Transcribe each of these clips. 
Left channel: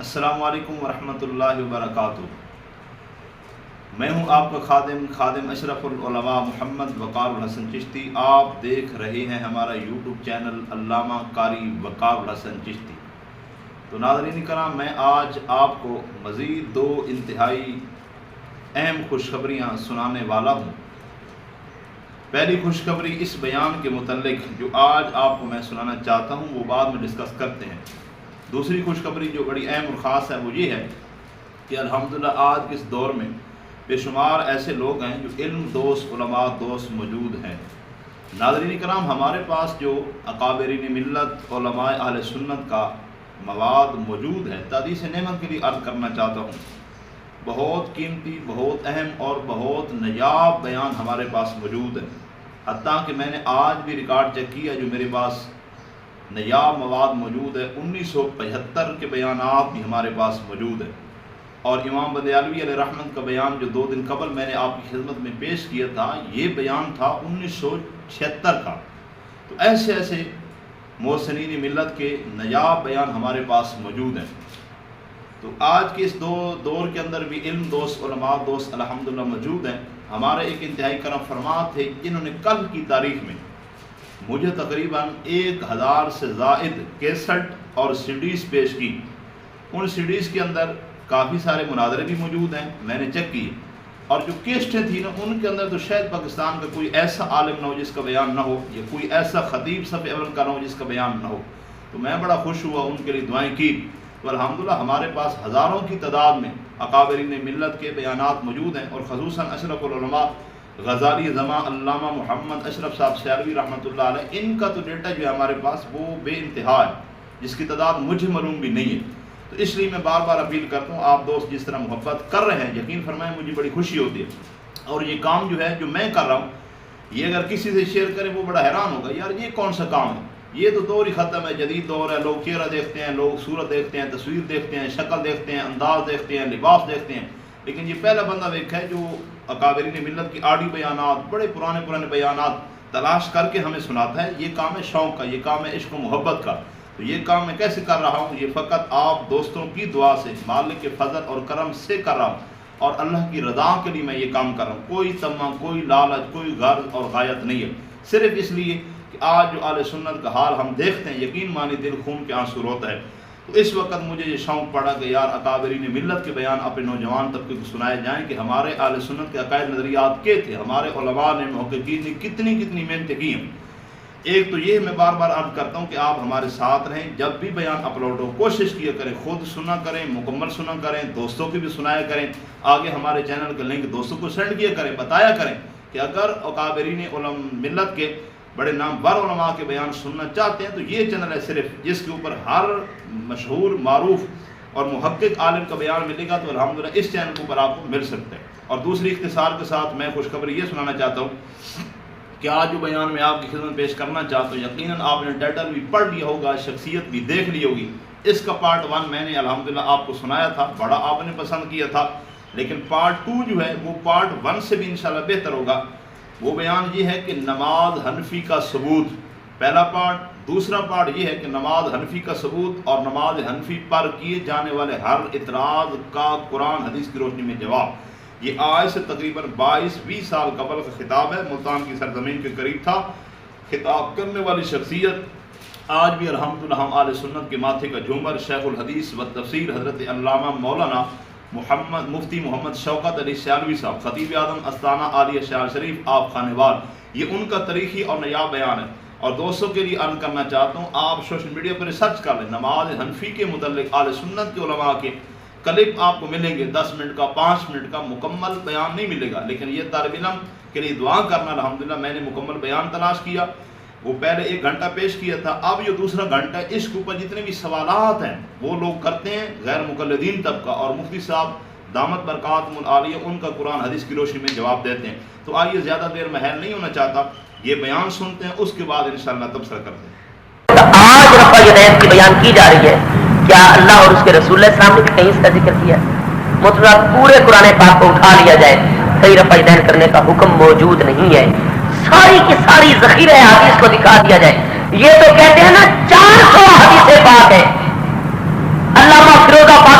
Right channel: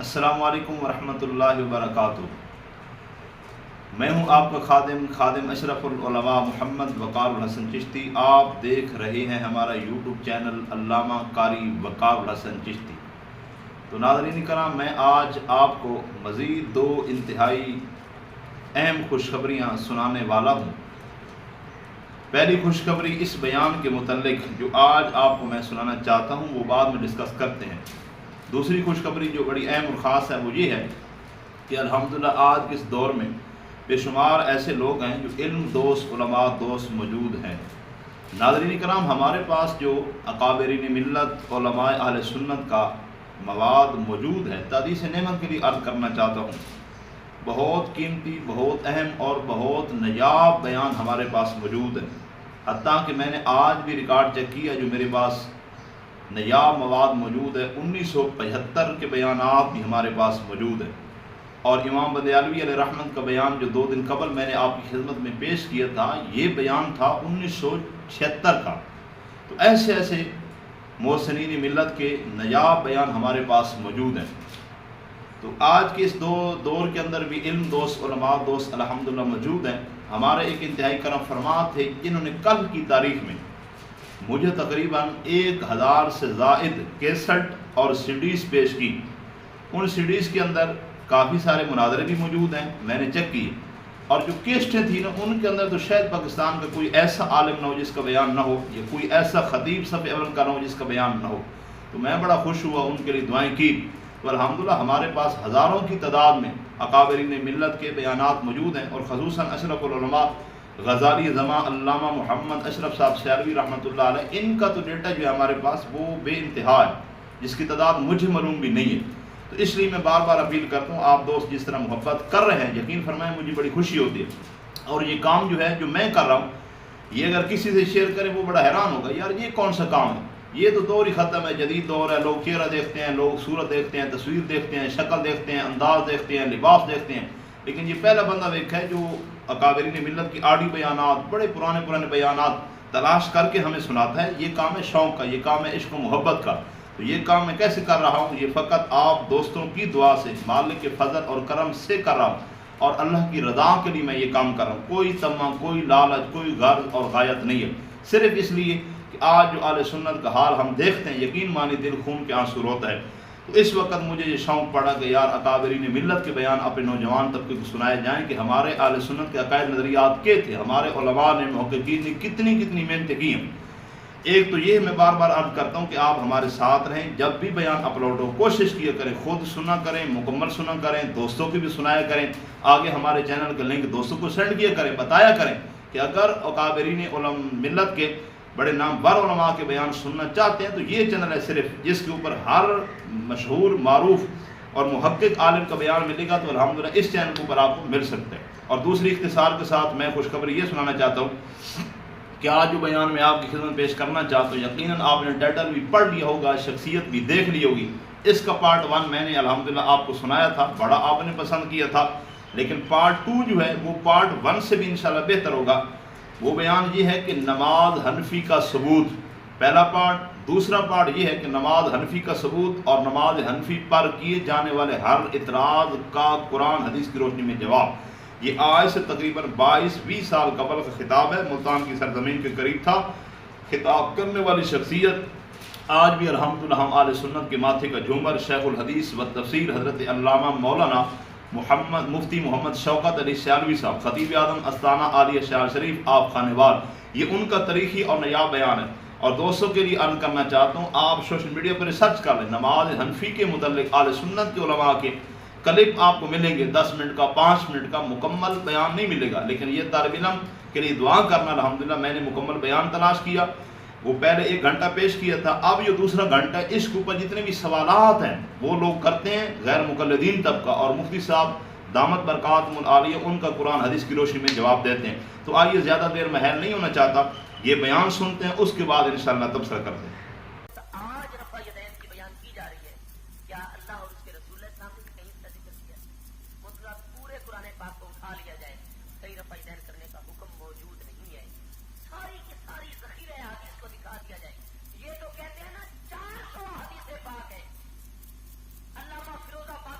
السلام علیکم ورحمۃ اللہ وبرکاتہ۔ میں ہوں آپ کا خادم اشرف العلماء محمد وقار الحسن چشتی۔ آپ دیکھ رہے ہیں ہمارا یوٹیوب چینل علامہ قاری وقار الحسن چشتی۔ تو ناظرین کرام، میں آج آپ کو مزید دو انتہائی اہم خوشخبریاں سنانے والا ہوں۔ پہلی خوشخبری اس بیان کے متعلق جو آج آپ کو میں سنانا چاہتا ہوں وہ بعد میں ڈسکس کرتے ہیں۔ دوسری خوشخبری جو بڑی اہم اور خاص ہے وہ یہ ہے کہ الحمدللہ آج کے اس دور میں بے شمار ایسے لوگ ہیں جو علم دوست، علماء دوست موجود ہیں۔ ناظرین کرام، ہمارے پاس جو اکابرین ملت، علماء اہل سنت کا مواد موجود ہے، تحدیث نعمت کے لیے عرض کرنا چاہتا ہوں، بہت قیمتی، بہت اہم اور بہت نایاب بیان ہمارے پاس موجود ہے۔ حتیٰ کہ میں نے آج بھی ریکارڈ چیک کیا، جو میرے پاس نایاب مواد موجود ہے، 1975 کے بیانات بھی ہمارے پاس موجود ہیں۔ اور امام بدیالوی علیہ رحمت کا بیان جو 2 دن قبل میں نے آپ کی خدمت میں پیش کیا تھا، یہ بیان تھا 1976 کا۔ تو ایسے ایسے محسنین ملت کے نایاب بیان ہمارے پاس موجود ہیں۔ تو آج کے اس دور کے اندر بھی علم دوست، علماء دوست الحمدللہ موجود ہیں۔ ہمارے ایک انتہائی کرم فرما تھے جنہوں نے کل کی تاریخ میں مجھے تقریباً 1000 سے زائد کیسٹ اور سیڈیز پیش کی۔ ان سیڈیز کے اندر کافی سارے مناظرے بھی موجود ہیں، میں نے چیک کیے، اور جو کیسٹیں تھیں نا، ان کے اندر تو شاید پاکستان کا کوئی ایسا عالم نہ ہو جس کا بیان نہ ہو، یا کوئی ایسا خطیب صف اول کا نہ ہو جس کا بیان نہ ہو۔ تو میں بڑا خوش ہوا، ان کے لیے دعائیں کی۔ تو الحمدللہ ہمارے پاس ہزاروں کی تعداد میں اکابرین ملت کے بیانات موجود ہیں، اور خصوصاً اشرف العلماء غزالی زماں علامہ محمد اشرف صاحب سیالوی رحمۃ اللہ علیہ، ان کا تو ڈیٹا جو ہے ہمارے پاس وہ بے انتہا ہے، جس کی تعداد مجھے معلوم بھی نہیں ہے۔ تو اس لیے میں بار بار اپیل کرتا ہوں، آپ دوست جس طرح محبت کر رہے ہیں، یقین فرمائیں مجھے بڑی خوشی ہوتی ہے۔ اور یہ کام جو ہے جو میں کر رہا ہوں، یہ اگر کسی سے شیئر کریں وہ بڑا حیران ہوگا، یار یہ کون سا کام ہے، یہ تو دور ہی ختم ہے، جدید دور ہے، لوگ چہرہ دیکھتے ہیں، لوگ صورت دیکھتے ہیں، تصویر دیکھتے ہیں، شکل دیکھتے ہیں، انداز دیکھتے ہیں، لباس دیکھتے ہیں۔ لیکن یہ پہلا بندہ دیکھا ہے جو اکابرین ملت کی آڈیو بیانات، بڑے پرانے بیانات تلاش کر کے ہمیں سناتا ہے۔ یہ کام ہے شوق کا، یہ کام ہے عشق و محبت کا۔ تو یہ کام میں کیسے کر رہا ہوں؟ یہ فقط آپ دوستوں کی دعا سے، مالک کے فضل اور کرم سے کر رہا ہوں، اور اللہ کی رضا کے لیے میں یہ کام کر رہا ہوں۔ کوئی طمع، کوئی لالچ، کوئی غرض اور غایت نہیں ہے، صرف اس لیے کہ آج جو اہل سنت کا حال ہم دیکھتے ہیں، یقین مانی دل خون کے آنسو روتا ہے۔ تو اس وقت مجھے یہ شوق پڑا کہ یار اکابرین ملت کے بیان اپنے نوجوان طبقے کو سنائے جائیں کہ ہمارے اہل سنت کے عقائد نظریات کیا تھے، ہمارے علماء نے، محققین نے کتنی محنتیں کی ہیں۔ ایک تو یہ میں بار بار عرض کرتا ہوں کہ آپ ہمارے ساتھ رہیں، جب بھی بیان اپلوڈ ہو کوشش کیا کریں خود سنا کریں، مکمل سنا کریں، دوستوں کی بھی سنایا کریں، آگے ہمارے چینل کا لنک دوستوں کو سینڈ کیا کریں، بتایا کریں کہ اگر اکابرین ملت کے بڑے نامور علماء کے بیان سننا چاہتے ہیں تو یہ چینل ہے صرف، جس کے اوپر ہر مشہور، معروف اور محقق عالم کا بیان ملے گا۔ تو الحمدللہ اس چینل کے اوپر آپ کو مل سکتا ہے۔ اور دوسری اختصار کے ساتھ میں خوشخبری یہ سنانا چاہتا ہوں کہ آج جو بیان میں آپ کی خدمت پیش کرنا چاہتا ہوں، یقیناً آپ نے ٹائٹل بھی پڑھ لیا ہوگا، شخصیت بھی دیکھ لی ہوگی۔ اس کا پارٹ 1 میں نے الحمدللہ آپ کو سنایا تھا، بڑا آپ نے پسند کیا تھا، لیکن پارٹ 2 جو ہے وہ پارٹ 1 سے بھی انشاءاللہ بہتر ہوگا۔ وہ بیان یہ ہے کہ نماز حنفی کا ثبوت، پہلا پارٹ۔ دوسرا پارٹ یہ ہے کہ نماز حنفی کا ثبوت اور نماز حنفی پر کیے جانے والے ہر اعتراض کا قرآن حدیث کی روشنی میں جواب۔ یہ آج سے تقریباً 22-20 سال قبل کا خطاب ہے، ملتان کی سرزمین کے قریب تھا۔ خطاب کرنے والی شخصیت آج بھی الحمدللہ ہم اہل سنت کے ماتھے کا جھومر، شیخ الحدیث و تفسیر حضرت علامہ مولانا مفتی محمد شوکت علی سیالوی صاحب، خطیب اعظم استانہ عالیہ شہر شریف، آپ خانوار۔ یہ ان کا تاریخی اور نایاب بیان ہے۔ اور دوستوں کے لیے عرض کرنا چاہتا ہوں، آپ سوشل میڈیا پر ریسرچ کر لیں، نماز حنفی کے متعلق اہل سنت کے علماء کے کلپ آپ کو ملیں گے، 10 منٹ کا، 5 منٹ کا، مکمل بیان نہیں ملے گا۔ لیکن یہ طالب علم کے لیے دعا کرنا، الحمدللہ میں نے مکمل بیان تلاش کیا، وہ پہلے 1 گھنٹہ پیش کیا تھا، اب یہ دوسرا گھنٹہ، اس کے اوپر جتنے بھی سوالات ہیں وہ لوگ کرتے ہیں، غیر مقلدین طبقہ، اور مفتی صاحب دامت برکاتہم العالیہ ان کا قرآن حدیث کی روشنی میں جواب دیتے ہیں۔ تو آئیے زیادہ دیر محل نہیں ہونا چاہتا، یہ بیان سنتے ہیں، اس کے بعد انشاءاللہ تبصرہ کرتے ہیں۔ آج رفع یدین کی بیان کی جا رہی ہے، کیا اللہ اور اس کے رسول اللہ السلام نے کہیں اس کا ذکر کیا؟ مطلب پورے قرآن پاک کو اٹھا لیا جائے، کہیں رفع یدین کرنے کا حکم موجود نہیں ہے، ساری کی ساری ذخیرہ حدیث کو دکھا دیا جائے۔ یہ تو کہتے ہیں نا 400 حدیث پاک ہے، علامہ فیروز آباد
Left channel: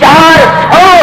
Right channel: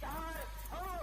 400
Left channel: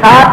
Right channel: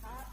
7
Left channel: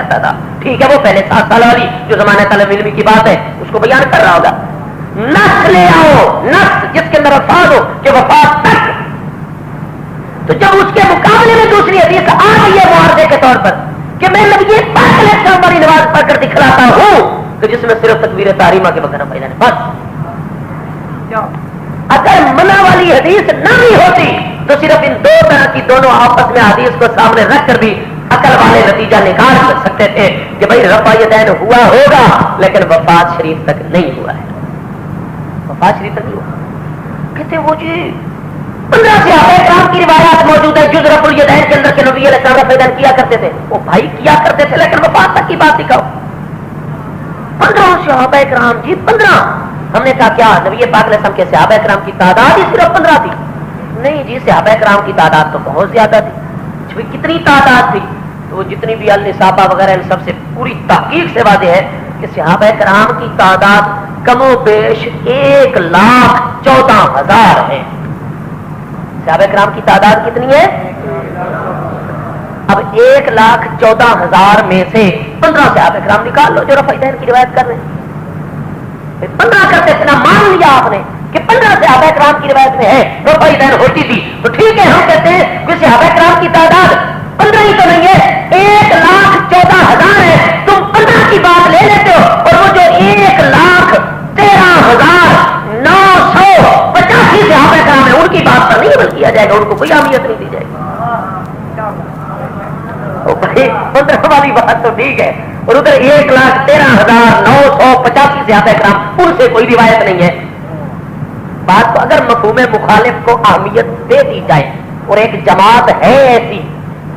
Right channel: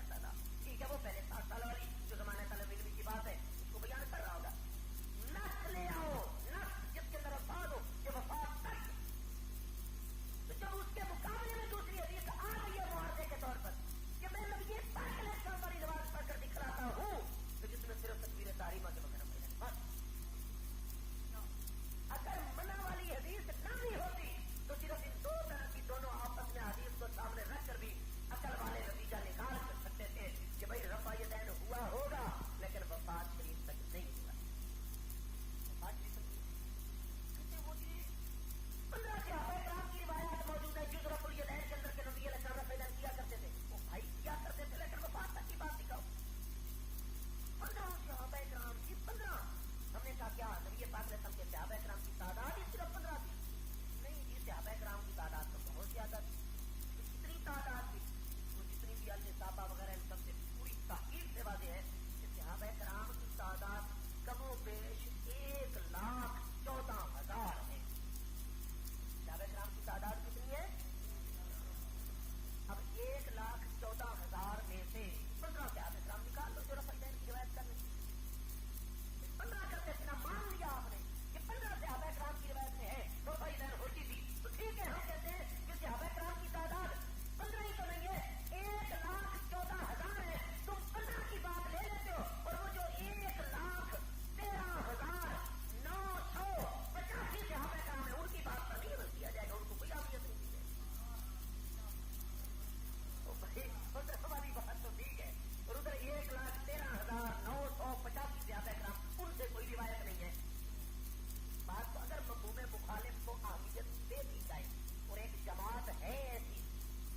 کرتا تھا. ٹھیک ہے وہ پہلے 7 سال والی جو زمانہ طلب علمی کی بات ہے اس کو بیان کر رہا ہوگا. نص لے آؤ, نص جس کے اندر الفاظ ہو کہ وفات تک. تو جب اس کے مقابلے میں دوسری حدیث آ گئی ہے معارضے کے طور پر کہ میں نبی پاک علیہ السلام والی نماز پڑھ کر دکھلاتا ہوں کہ جس میں صرف تکبیر تحریمہ کے بغیر فائدہ نہیں, بس. اگر منع والی حدیث نہ بھی ہوتی تو صرف ان دو طرح کی دونوں آپس میں حدیث کو سامنے رکھ کر بھی عقل والے نتیجہ نکال سکتے تھے کہ بھائی رفع یدین ہوا ہوگا لیکن وفات شریف تک نہیں ہوا ہے. وفات شریف تک نہیں ہوا. کہتے وہ جی 15 صحابہ کرام کی روایات موجود ہے جز رفع الیدین کے اندر کہ نبی علیہ السلام رفع یدین کیا کرتے تھے. وہ بھائی کیا کرتے تھے لیکن وفات تک کی بات دکھاؤ. 15 صحابہ کرام جی 15. ہم نے کہا کیا نبی پاک علیہ السلام کے صحابہ کرام کی تعداد ہی صرف 15 تھی؟ نہیں جی صحابہ کرام کی تعداد تو بہت زیادہ تھی. کتنی تعداد تھی؟ تو وہ جتنی بھی النصابہ وغیرہ ان سب سے پوری تحقیق سے واضح ہے کہ صحابہ کرام کی تعداد کم و بیش 1,14,000 ہے. صحابہ کرام کی تعداد کتنی ہے؟ اب 1,14,000 میں سے 15 صحابہ کرام نکال لو جو رفع یدین کی روایت کر رہے ہیں. 15 کرتے تھے نا, مان لیا آپ نے کہ 15 صحابہ کرام کی روایت میں ہے رفع یدین ہوتی تھی تو ٹھیک ہے ہم کہتے ہیں کہ صحابہ کرام کی تعداد 15 ہی تو نہیں ہے, 1,14,000 ہے. تم 15 کی بات لے لیتے ہو اور وہ جو 1,13,985 صحابہ کرام ہے ان کی بات پر نہیں عمل کیا جائے گا, ان کو کوئی اہمیت نہیں دی جائے گی. 15 والی بات تو ٹھیک ہے اور ادھر 1,13,985 صحابہ کرام ان سے کوئی روایت نہیں ہے. بات تو اگر مفہوم مخالف کو اہمیت دے دی جائے اور ایک جماعت ہے ایسی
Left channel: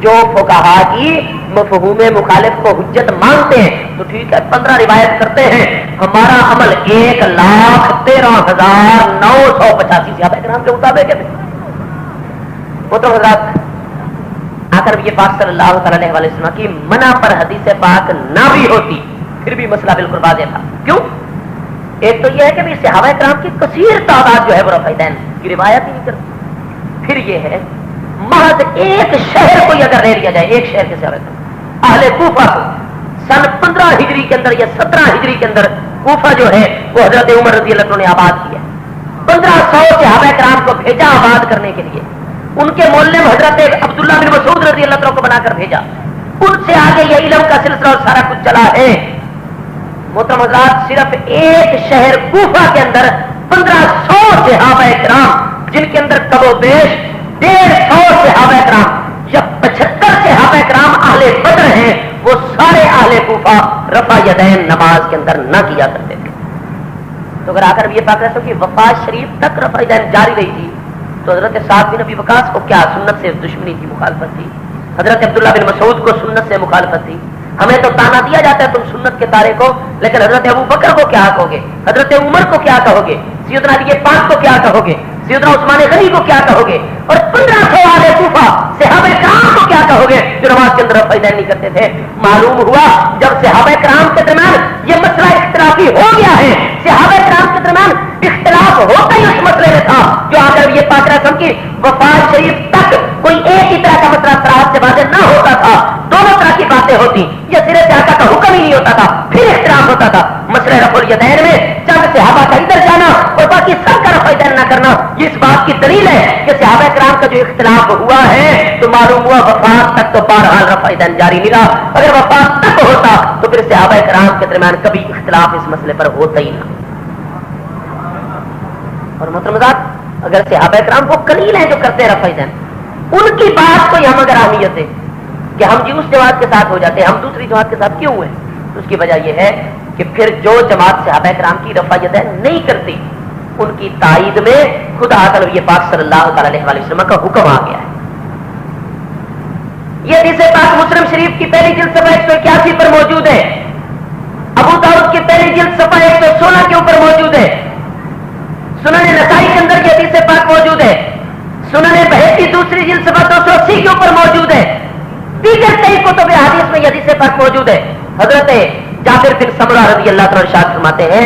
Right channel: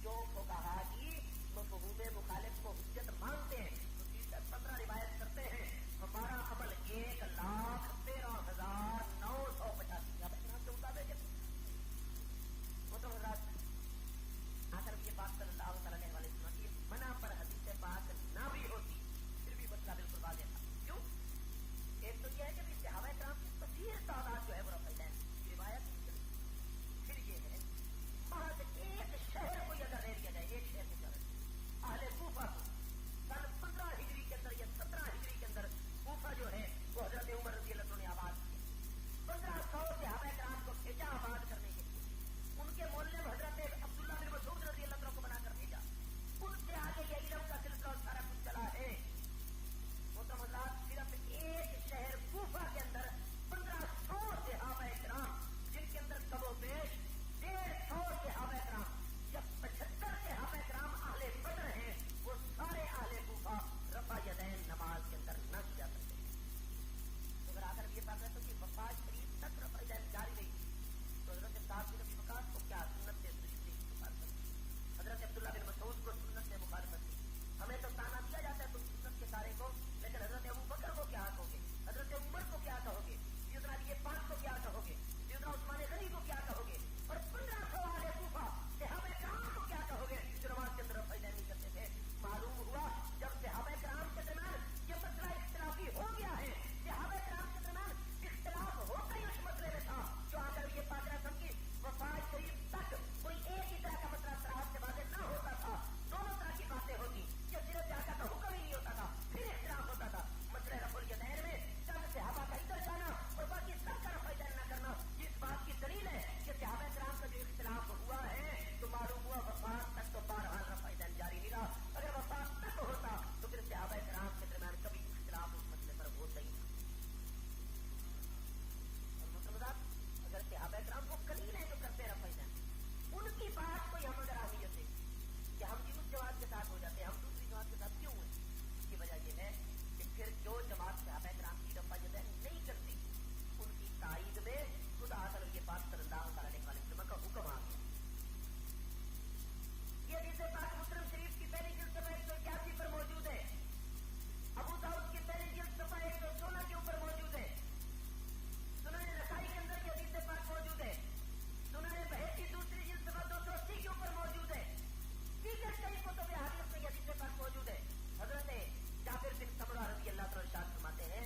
جو فقہا کی مفہوم مخالف کو حجت مانتے ہیں تو ٹھیک ہے 15 روایت کرتے ہیں, ہمارا عمل 1,13,985 صحابہ کرام کے مطابق ہے. وہ تو حضرات آخر یہ پاک صلی اللہ تعالی علیہ وسلم کی منع پر حدیث پاک نہ بھی ہوتی پھر بھی مسئلہ بالکل واضح تھا. کیوں؟ ایک تو یہ ہے کہ صحابہ کرام کی کثیر تعداد جو ہے وہ رفع یدین کی روایت ہی نہیں کرتی. پھر یہ ہے محض ایک شہر کو اگر لے لیا جائے, ایک شہر کے صحابہ کرام اہل کوفہ کو سن 15 ہجری کے اندر یا 17 ہجری کے اندر کوفہ جو ہے وہ حضرت عمر رضی اللہ عنہ نے آباد کیا. 1500 صحابہ کرام کو بھیجا آباد کرنے کے لیے. ان کے معلم حضرت عبداللہ بن مسعود رضی اللہ عنہ کو بنا کر بھیجا. ان سے آگے یہ علم کا سلسلہ اور سارا کچھ چلا ہے. محترم حضرات صرف ایک شہر کوفہ کے اندر 1500 صحابہ کرام جن کے اندر کم و بیش 150 صحابہ کرام یا 75 صحابہ کرام اہل بدر ہیں وہ سارے اہل کوفہ رفع یدین نماز کے اندر نہ کیا کرتے تھے. تو اگر آ کر یہ پاک رہتا کہ وفات شریف تک رفع یدین جاری رہی تھی تو حضرت سعد بن ابی وقاص کو کیا سنت سے دشمنی کی مخالفت تھی؟ حضرت عبداللہ بن مسعود کو سنت سے مخالفت تھی. ہمیں تو تانا دیا جاتا ہے تم سنت کے تارے کو, لیکن حضرت ابو بکر کو کیا کہو گے, حضرت عمر کو کیا کہو گے, سیدنا علی پاک کو کیا کہو گے, سیدنا عثمان غنی کو کیا کہو گے, اور 1500 والے کوفہ صحابہ کرام کو کیا کہو گے جو نماز کے اندر رفع یدین نہیں کرتے تھے. معلوم ہوا جب صحابہ کرام کے درمیان یہ مسئلہ اختلافی ہو گیا ہے, صحابہ کرام کے درمیان اختلاف ہوتا ہی اس مسئلے میں تھا جو اگر یہ پاک رسم کی وفات شریف تک کوئی ایک ہی طرح کا مسئلہ صراحت سے واضح نہ ہوتا تھا, دونوں طرح کی باتیں ہوتی, یہ سرے سے آقا کا حکم ہی نہیں ہوتا تھا, پھر اختلاف ہوتا تھا. مسئلہ رفع الیدین میں چند صحابہ کا ادھر جانا اور باقی سب کا رفع یدین نہ کرنا یہ اس بات کی دلیل ہے کہ صحابہ کرام کا جو اختلاف ہوا ہے تو معلوم ہوا وفات تک تو بہرحال رفع یدین جاری نہیں رہا. اگر وفات تک ہوتا تو پھر صحابہ کرام کے درمیان کبھی اختلاف اس مسئلے پر ہوتا ہی نہ. اور محترمات اگر صحابہ کرام کو قلیل ہیں جو کرتے رفع یدین, ان کی بات کو ہم اگر اہمیت ہے کہ ہم جی اس جماعت کے ساتھ ہو جاتے ہیں, ہم دوسری جماعت کے ساتھ کیوں ہوئے, تو اس کی وجہ یہ ہے کہ پھر جو جماعت صحابہ کرام کی رفع یدین نہیں کرتی ان کی تائید میں خدا تعالی پاک صلی اللہ تعالی علیہ وسلم کا حکم آ گیا ہے. یہ حدیث پاک مسلم شریف کی پہلی جلد صفحہ 181 پر موجود ہے, ابو داؤد کی پہلی جلد صفحہ 116 کے اوپر موجود ہے, سنن نسائی کے اندر یہ حدیث پاک موجود ہے, سنن بہقی دوسری جلد صفحہ 280 کے اوپر موجود ہے, دیگر کئی کتب احادیث میں یہ حدیث پاک موجود ہے. حضرت جابر بن سمرہ رضی اللہ عنہ ارشاد فرماتے ہیں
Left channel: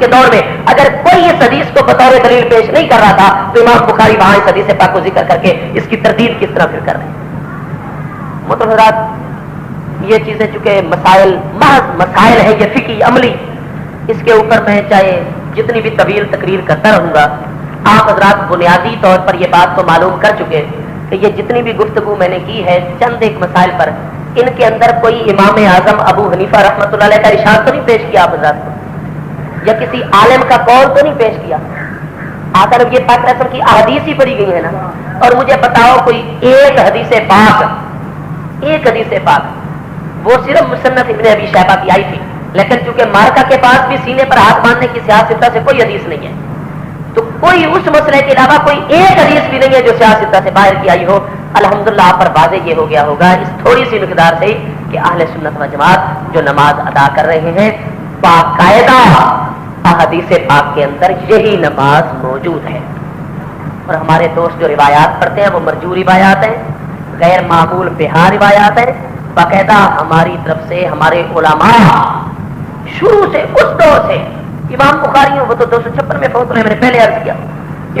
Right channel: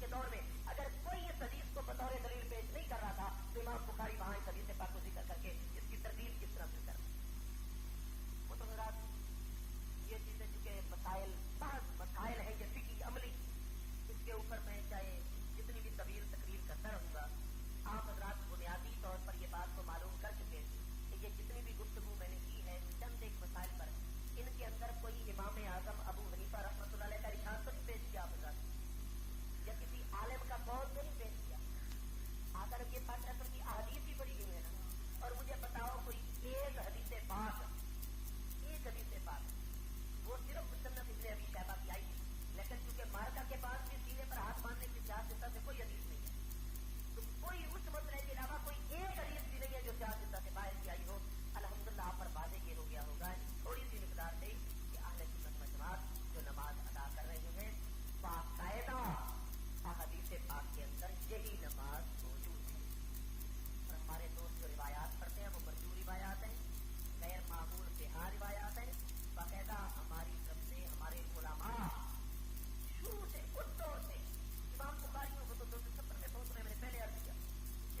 کے دور میں اگر کوئی اس حدیث کو بطور دلیل پیش نہیں کر رہا تھا تو امام بخاری وہاں اس حدیث پاک کو ذکر کر کے اس کی تردید کس طرح پھر کر رہے ہیں؟ محترم حضرات، یہ چیزیں چونکہ مسائل محض مسائل ہیں، یہ فقہی عملی، اس کے اوپر میں چاہے جتنی بھی طویل تقریر کرتا رہوں گا، آپ حضرات بنیادی طور پر یہ بات تو معلوم کر چکے کہ یہ جتنی بھی گفتگو میں نے کی ہے چند ایک مسائل پر، ان کے اندر کوئی امام اعظم ابو حنیفہ رحمۃ اللہ علیہ کا ارشاد تو نہیں پیش کیا آپ حضرات کو، یا کسی عالم کا قول تو نہیں پیش کیا، آخر یہ پاک رسم کی احادیث ہی پڑھی گئی ہے نا۔ اور مجھے بتاؤ کوئی ایک حدیث پاک وہ صرف مصنف ابن ابی شیبہ کی آئی تھی، لیکن چونکہ مارکا کے پاس بھی سینے پر ہاتھ باندھنے کی سیاستہ سے کوئی حدیث نہیں ہے، تو کوئی اس مسئلے کے علاوہ کوئی ایک حدیث بھی نہیں ہے جو سیاستہ سے باہر کی آئی ہو۔ الحمدللہ آپ پر واضح یہ ہو گیا ہوگا اس تھوڑی سی مقدار سے کہ اہل سنت و جماعت جو نماز ادا کر رہے ہیں باقاعدہ احادیث پاک کے اندر یہی نماز موجود ہے، اور ہمارے دوست جو روایات پڑھتے ہیں وہ مرجو روایات ہیں، غیر معمول بہا روایات ہیں، باقاعدہ ہماری طرف سے ہمارے علماء شروع سے اس دور سے، امام بخاری وہ تو 256 میں فوت ہو رہے ہیں، میں نے پہلے عرض کیا،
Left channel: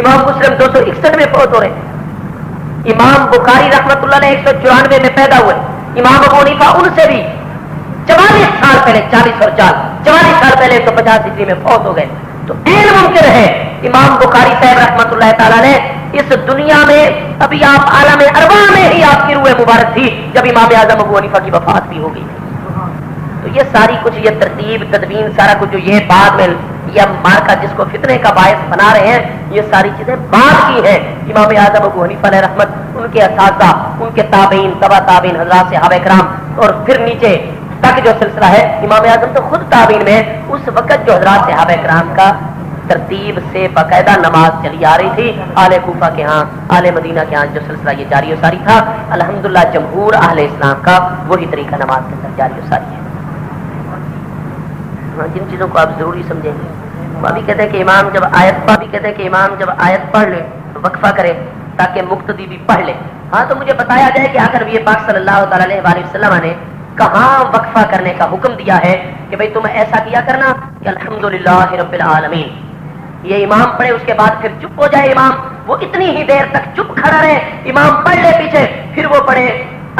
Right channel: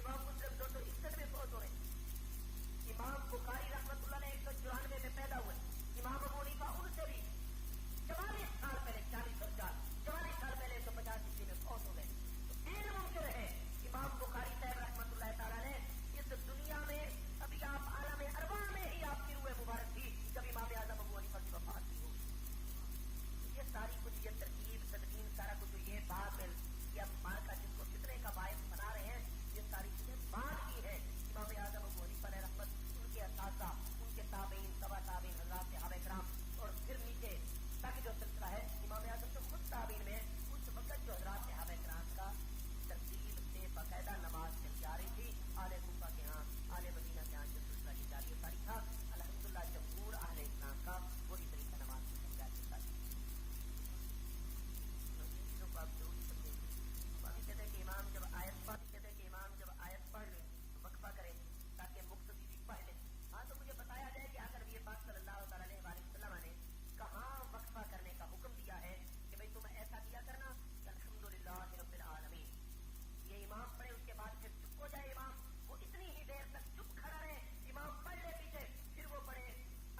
امام مسلم 261 میں فوت ہو رہے ہیں، امام بخاری رحمت اللہ علیہ 194 میں پیدا ہوئے، امام ابو حنیفہ ان سے بھی 44 سال پہلے، 40 اور 44 سال پہلے 150 ہجری میں فوت ہو گئے، تو این ممکن ہے امام بخاری صاحب رحمت اللہ تعالیٰ نے اس دنیا میں ابھی آپ عالم ارواح میں ہی آپ کی روح مبارک تھی جب امام اعظم ابو حنیفہ کی وفات بھی ہو گئی تھی۔ تو یہ ساری کچھ یہ ترتیب تدوین سارا کچھ جو یہ بعد میں یہ مارکا جس کو فتنے کا باعث بنا رہے ہیں، یہ ساری چیزیں بعد کی ہیں۔ امام اعظم ابو حنیفہ علیہ رحمت، ان کے اساتذہ، ان کے تابعین، تبع تابعین حضرات صحابہ کرام، اور پھر نیچے تک جو سلسلہ ہے، امام اعظم تو خود تابعین میں اس وقت جو حضرات صحابہ کرام کا ترتیب سے باقاعدہ نماز چلی آ رہی تھی، آل کوفہ کے ہاں، آل مدینہ کے ہاں جو سلسلہ یہ جاری و ساری تھا، الحمدللہ جمہور اہل اسلام کا وہی طریقہ نماز کے اندر جاری و ساری ہے۔ جن چیزوں کو آپ ضروری سمجھیں گے، وہ بھی کہتے ہیں کہ امام جب آیت پڑھ لے تو وقفہ کرے تاکہ مقتدی بھی پڑھ لے۔ ہاں تو مجھے بتایا جائے کہ آخر نبی پاک صلی اللہ تعالی علیہ وآلہ وسلم نے کہاں وقفہ کرنے کا حکم دیا ہے کہ بھئی تم ایسا کیا کرنا کہ الحمدللہ رب العالمین، یہ امام پڑھے اس کے بعد پھر چپ ہو جائے امام، وہ اتنی ہی دیر تک چپ کھڑا رہے، امام پڑھ لے پیچھے، پھر وہ پڑھے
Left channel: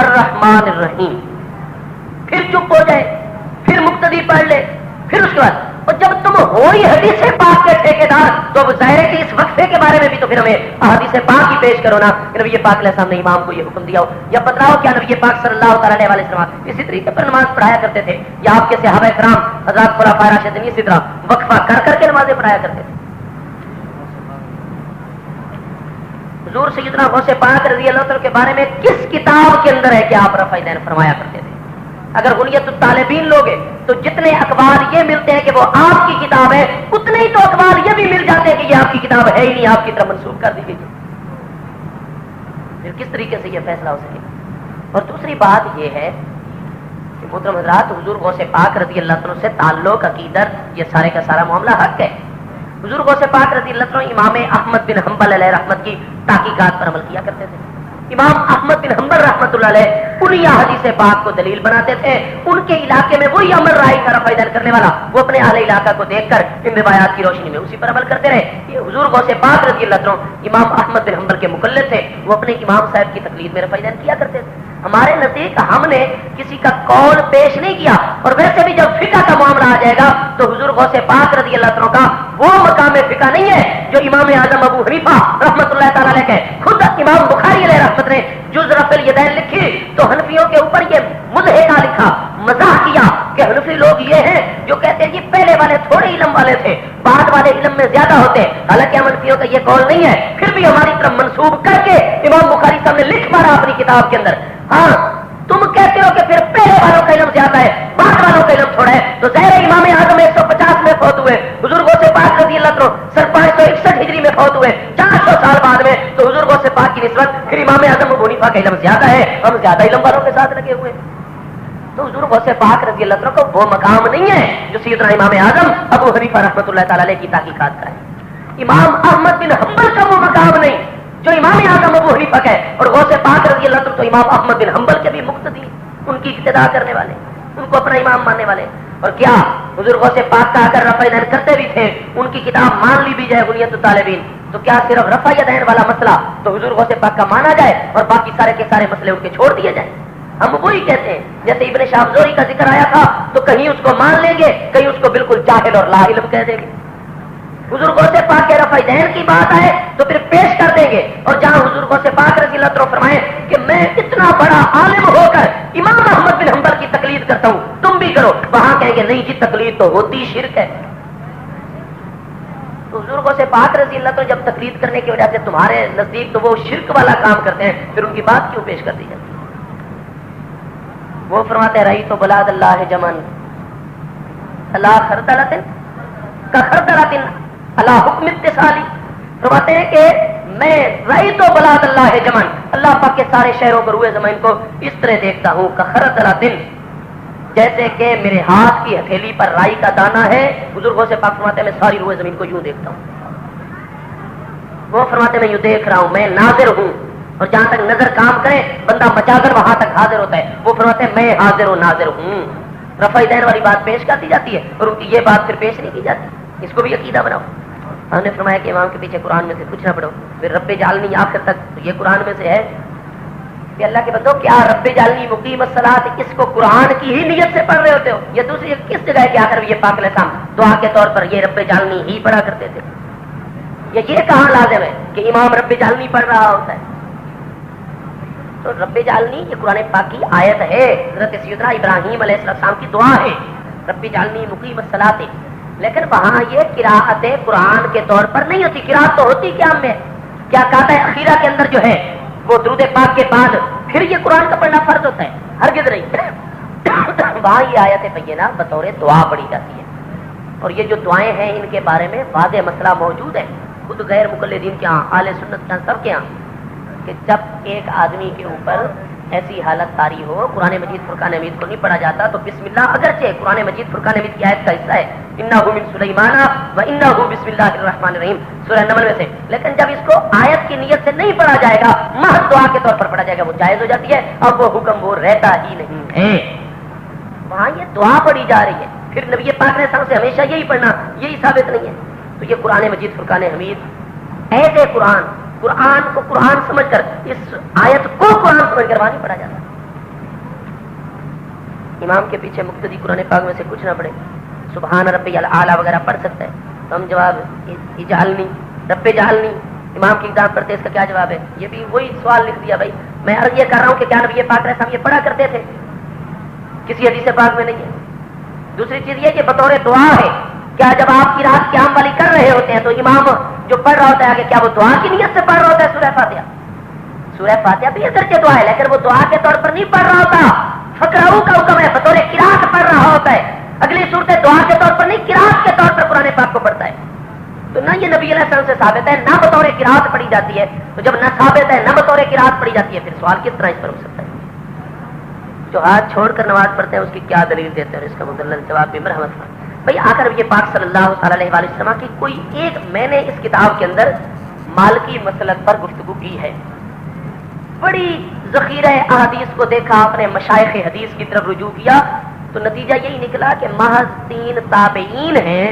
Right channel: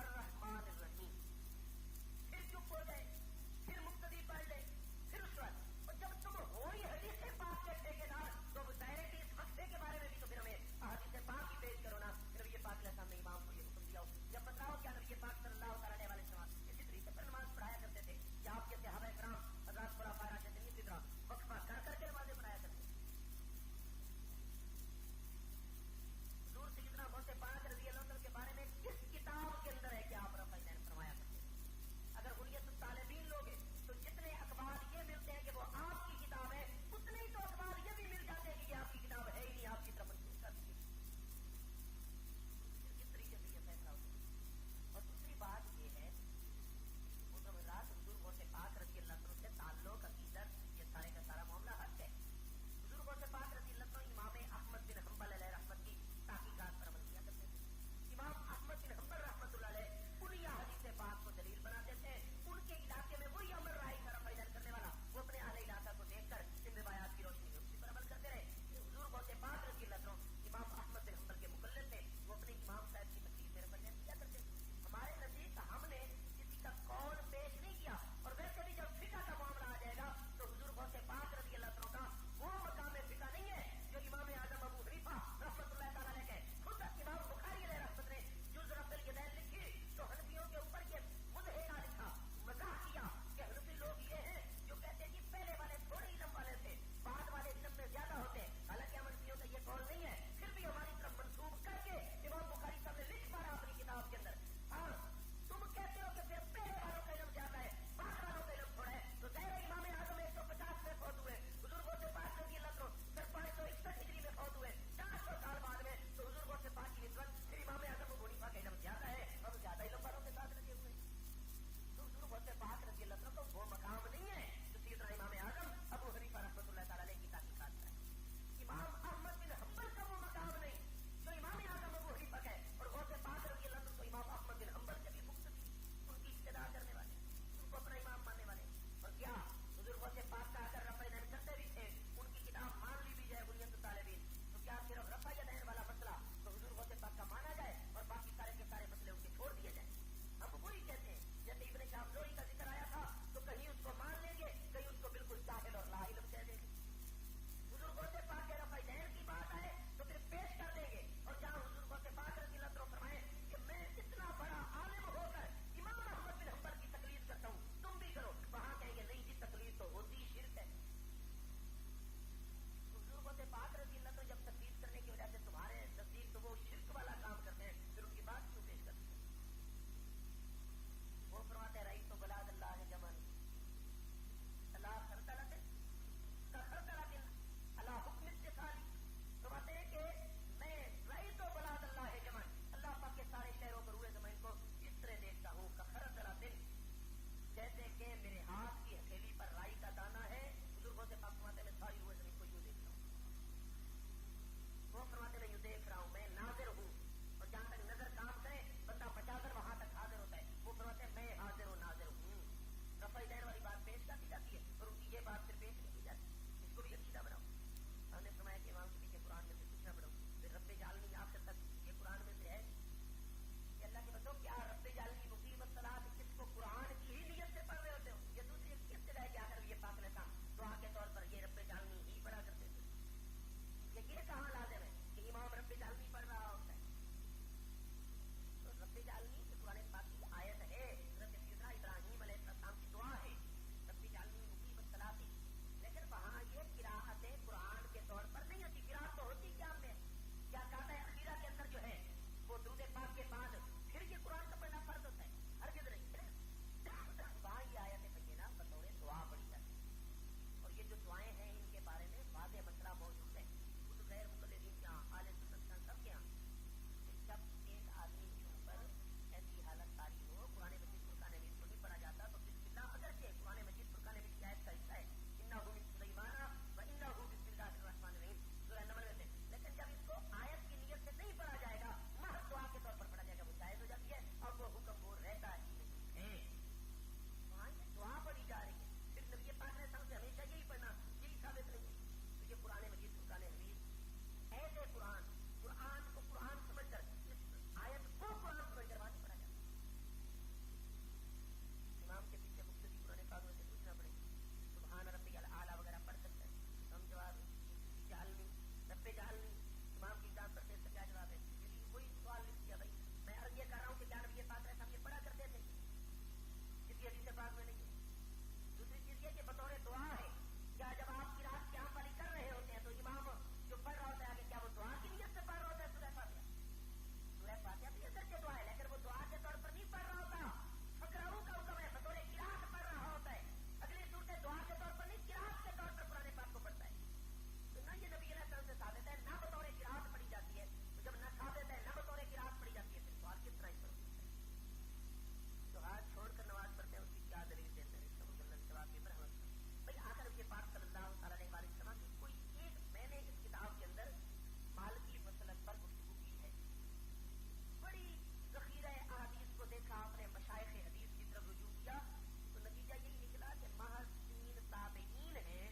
الرحمن الرحیم، پھر چپ ہو جائے، پھر مقتدی پڑھ لے، پھر اس کے بعد، اور جب تم ہو ہی حدیث پاک کے ٹھیکیدار تو اب ظاہر ہے کہ اس وقفے کے بارے میں بھی تو پھر ہمیں حدیث پاک ہی پیش کرو نا کہ نبی پاک علیہ السلام نے امام کو یہ حکم دیا ہو، یا بتلاؤ کیا نبی پاک صلی اللہ تعالی علیہ وسلم اسی طریقے پر نماز پڑھایا کرتے تھے، یا آپ کے صحابہ کرام حضرات خلفائے راشدین اسی طرح وقفہ کر کر کے نمازیں پڑھایا کرتے تھے۔ حضور سیدنا غوث پاک رضی اللہ عنہ کے بارے میں کس کتاب کے اندر ہے کہ آپ رفع دین فرمایا کرتے تھے؟ اگر غنیت الطالبین لوگے تو جتنے اخبار یہ ملتے ہیں کہ وہ آپ کی کتاب ہے، اتنے ہی تو اخبار یہ بھی مل جاتے ہیں کہ یہ آپ کی کتاب ہے ہی نہیں، آپ کی طرف منسوخ کر دی گئی۔ پھر کس طریقے سے یہ فیصلہ ہو سکے؟ اور دوسری بات یہ ہے کہ محترم حضرات، حضور غوث پاک رضی اللہ عنہ سے تعلق، عقیدت، یہ سارے کا سارا معاملہ حق ہے۔ حضور غوث پاک رضی اللہ عنہ امام احمد بن حنبل علیہ رحمت کی تحقیقات پر عمل کیا کرتے تھے۔ امام احمد بن حنبل رحمت اللہ علیہ انہی حدیث پاک کو دلیل بناتے تھے، ان کے علاقے میں وہی عمل رائے کا رفع دین کرنے والا، وہ اپنے اہل علاقہ کو دیکھ کر ان روایات کی روشنی میں اسی پر عمل کرتے رہے۔ یہ حضور غوث پاک رضی اللہ عنہ امام احمد بن حنبل کے مقلد تھے، وہ اپنے امام صاحب کی تقلید میں رفع دین کیا کرتے تھے۔ ہمارے نزدیک ہم نے کسی کا قول پیش نہیں کیا، اور ویسے بھی جب فقہ کا معاملہ آ جائے گا تو حضور غوث پاک رضی اللہ عنہ کا وہ مقام فقہ نہیں ہے جو امام اعظم ابو حنیفہ رحمت اللہ تعالی علیہ کے۔ خود امام بخاری علیہ رحمت نے جز رفع الیدین لکھی تو حنفیوں کے اوپر یہ مضحکہ لکھا، مزاح کیا کہ حنفی لوگ یہ ہیں جو کہتے ہیں یہ پہلے والے تھوڑے علم والے تھے، بعد والے علم میں زیادہ ہوتے ہیں، حالانکہ حنفیوں کا یہ قول نہیں ہے، پھر بھی ہماری طرف منسوب کر کے امام بخاری صاحب نے لکھ مارا اپنی کتاب کے اندر۔ ہاں تم کہتے ہو کہ پھر پہلے والوں کا علم زیادہ ہے، بعد والوں کا علم تھوڑا ہے، تو ظاہر امام اعظم 150 میں فوت ہوئے، حضور غوث پاک رضی اللہ عنہ 561 ہجری میں فوت ہوئے، 400 سال بعد میں، تو حضور غوث پاک کی نسبت پھر امام اعظم ابو حنیفہ کا علم زیادہ ہے، ہم زیادہ علم والوں کے ساتھ لگے ہوئے۔ تو حضور غوث پاک رضی اللہ عنہ کو وہ مقام نہیں ہے جو سیدنا امام اعظم ابو حنیفہ رحمۃ اللہ تعالی علیہ کی تحقیقات کا ہے۔ امام احمد بن حنبل کا وہ مقام نہیں جو امام اعظم ابو حنیفہ کا ہے، اور غوث پاک رضی اللہ عنہ تو امام احمد بن حنبل کے بھی مقتدی، ان کی اقتداء کرنے والے، ان کو اپنا امام ماننے والے۔ اور کیا بزرگوں سے پاک کا اگر رفع دین کرتے بھی تھے، ان کی کتاب مان لی بھی جائے بنیت الطالبین، تو کیا صرف رفع دین والا مسئلہ تو بزرگوں سے پاک کا مانا جائے اور باقی سارے کے سارے مسئلے ان کے چھوڑ دیے جائیں؟ ہم وہی کہتے ہیں، جیسے ابن شہاب زہری کا ذکر آیا تھا تو کہیں اس کو مان لیں گے، کہیں اس کو بالکل جاہل اور لا علم کہہ دیں گے۔ بزرگوں سے پاک کے رفع دین کی بات آئے تو پھر پیش کر دیں گے، اور جہاں بزرگوں سے پاک رضی اللہ عنہ فرمائے کہ میں اتنا بڑا عالم ہو کر امام احمد بن حنبل کی تقلید کرتا ہوں، تم بھی کرو، وہاں کہیں گے نہیں جی تقلید تو ہوتی شرک ہے۔ تو بزرگوں سے پاک رضی اللہ عنہ جب تقلید کرنے کی وجہ سے تمہارے نزدیک تو وہ شرک والا کام کرتے ہیں، پھر ان کی بات کیوں پیش کر دی جاتی ہے؟ وہ فرماتے ہیں رئی تو بلاد اللہ جمن اللہ خردلت کا خردلت اللہ حکم اتصالی، فرماتے ہیں کہ میں رئی تو بلاد اللہ جمن، اللہ پاک کے سارے شہروں کو روئے زمین کو اس طرح دیکھتا ہوں کا خردلت، جیسے کہ میرے ہاتھ کی ہتھیلی پر رائی کا دانہ ہے۔ بزرگوں سے پاک فرماتے ہیں میں ساری روئے زمین کو یوں دیکھتا ہوں۔ وہ فرماتے ہیں میں یوں دیکھ رہا ہوں، میں ناظر ہوں، اور جہاں تک نظر کام کرے بندہ بچا کر وہاں تک حاضر ہوتا ہے۔ وہ فرماتے ہیں میں حاضر و ناظر ہوں۔ رفع دین والی بات پیش کر دی جاتی ہے اور ان کی یہ بات پھر پیش نہیں کی جاتی، اس کو بھی عقیدہ بناؤ۔ ہم نے فرمایا کہ امام کے پیچھے قرآن میں سے کچھ نہ پڑھو، پھر رب جعلنی آخر تک، تو یہ قرآن میں سے ہے کہ اللہ کے بندو کیا رب جعلنی مقیم الصلاۃ اس کو قرآن کی ہی نیت سے پڑھ رہے ہوتے ہو؟ یہ دوسری کس جگہ کے آخر یہ پاک الاسلام دعا کے طور پر یہ رب جعلنی ہی پڑھا کرتے تھے؟ یہ کہاں لازم ہے کہ امام رب جعلنی پڑھ رہا ہوتا ہے؟ تو رب جعلنی یہ قرآن پاک کی آیت ہے، حضرت سیدنا ابراہیم علیہ السلام کی دعا ہے رب جعلنی مقیم الصلاۃ، لیکن وہاں یہ قراءت قرآن کے طور پر نہیں ہوتی۔ قراءت تو ہوتی کیا میں کیا کہتا ہے اخیرہ کے اندر جو ہے وہ درود پاک کے بعد پھر یہ قرآن کا پڑھنا فرض ہوتا ہے، ہرگز نہیں۔ وہاں یہ آیت بینہ بطور دعا پڑھی جاتی ہے، اور یہ جو دعائیں ہیں ان کے بارے میں واضح مسئلہ موجود ہے خود غیر مقلدین کے ہاں، اہل سنت کے ہاں، سب کے ہاں، کہ جب ایک آدمی کے اوپر ایسی حالت طاری ہو قرآن مجید فرقان حمید کو نہیں پڑھا جاتا تو بسم اللہ اگرچہ قرآن مجید فرقان حمید کی آیت کا حصہ ہے، انہ من سلیمان و انہ بسم اللہ الرحمن الرحیم سورہ نمل میں سے، لیکن جب اس کو آیت کی نیت سے نہیں پڑھا جائے گا، محض دعا کے طور پر پڑھا جائے گا، وہ جائز ہو جاتی ہے، اب وہ حکم وہ رہتا ہی نہیں ہے۔ وہاں یہ دعا پڑھی جا رہی ہے، پھر نبی پاک نے سے ہمیشہ یہی پڑھنا، یہی ثابت نہیں ہے۔ تو یہ قرآن مجید فرقان حمید ایسے قرآن کو قرآن سمجھ کر، اس آیت کو قرآن سمجھ کر وہاں نہیں پڑھا جاتا۔ امام کے پیچھے مقتدی قرآن پاک میں سے کچھ نہ پڑھے، سبحان ربی الاعلی وغیرہ پڑھ سکتا ہے، تو ہم جواب اجعلنی رب جعلنی امام کی اقدام پڑھتے اس کا کیا جواب ہے؟ یہ بھی وہی سوال لکھ دیا بھائی، میں عرض یہ کر رہا ہوں کہ کیا نبی پاک علیہ السلام یہ پڑھا کرتے تھے؟ کسی حدیث پاک میں نہیں ہے۔ دوسری چیز یہ کہ بطور دعا ہے، کیا جب آپ کی رات قیام والی کر رہے ہوتے ہیں تو امام جو پڑھ رہا ہوتا ہے آگے کیا وہ دعا کی نیت سے پڑھ رہا ہوتا ہے؟ سورہ فاتحہ، سورہ فاتحہ بھی اگرچہ دعا ہے لیکن وہ دعا کے طور پر نہیں پڑھ رہا ہوتا، فقرؤ کا حکم ہے، بطور قرات پڑھ رہا ہوتا ہے۔ اگلی صورت دعا کے طور پر نہیں، قرات کے طور پر قرآن پاک کو پڑھتا ہے۔ تو نہ یہ نبی علیہ السلام سے ثابت ہے، نہ بطور قرات پڑھی جاتی ہے، تو جب نہ ثابت ہے نہ بطور قرات پڑھی جاتی ہے، پھر سوال کس طرح اس پر ہو سکتا ہے؟ جو ہاتھ چھوڑ کر نماز پڑھتے ہیں اس کی کیا دلیل دیتے ہیں؟ اس کا مدلل جواب بھی مرحمت ہے بھائی۔ آ کر یہ پاک صلی اللہ تعالی علیہ وسلم کی کوئی ایک، میں نے اس کتاب کے اندر مالکی مسلک پر گفتگو کی ہے، بڑی ذخیرہ احادیث کو دیکھا، اپنے مشائخ حدیث کی طرف رجوع کیا، تو نتیجہ یہی نکلا کہ محض 3 تابعین ہیں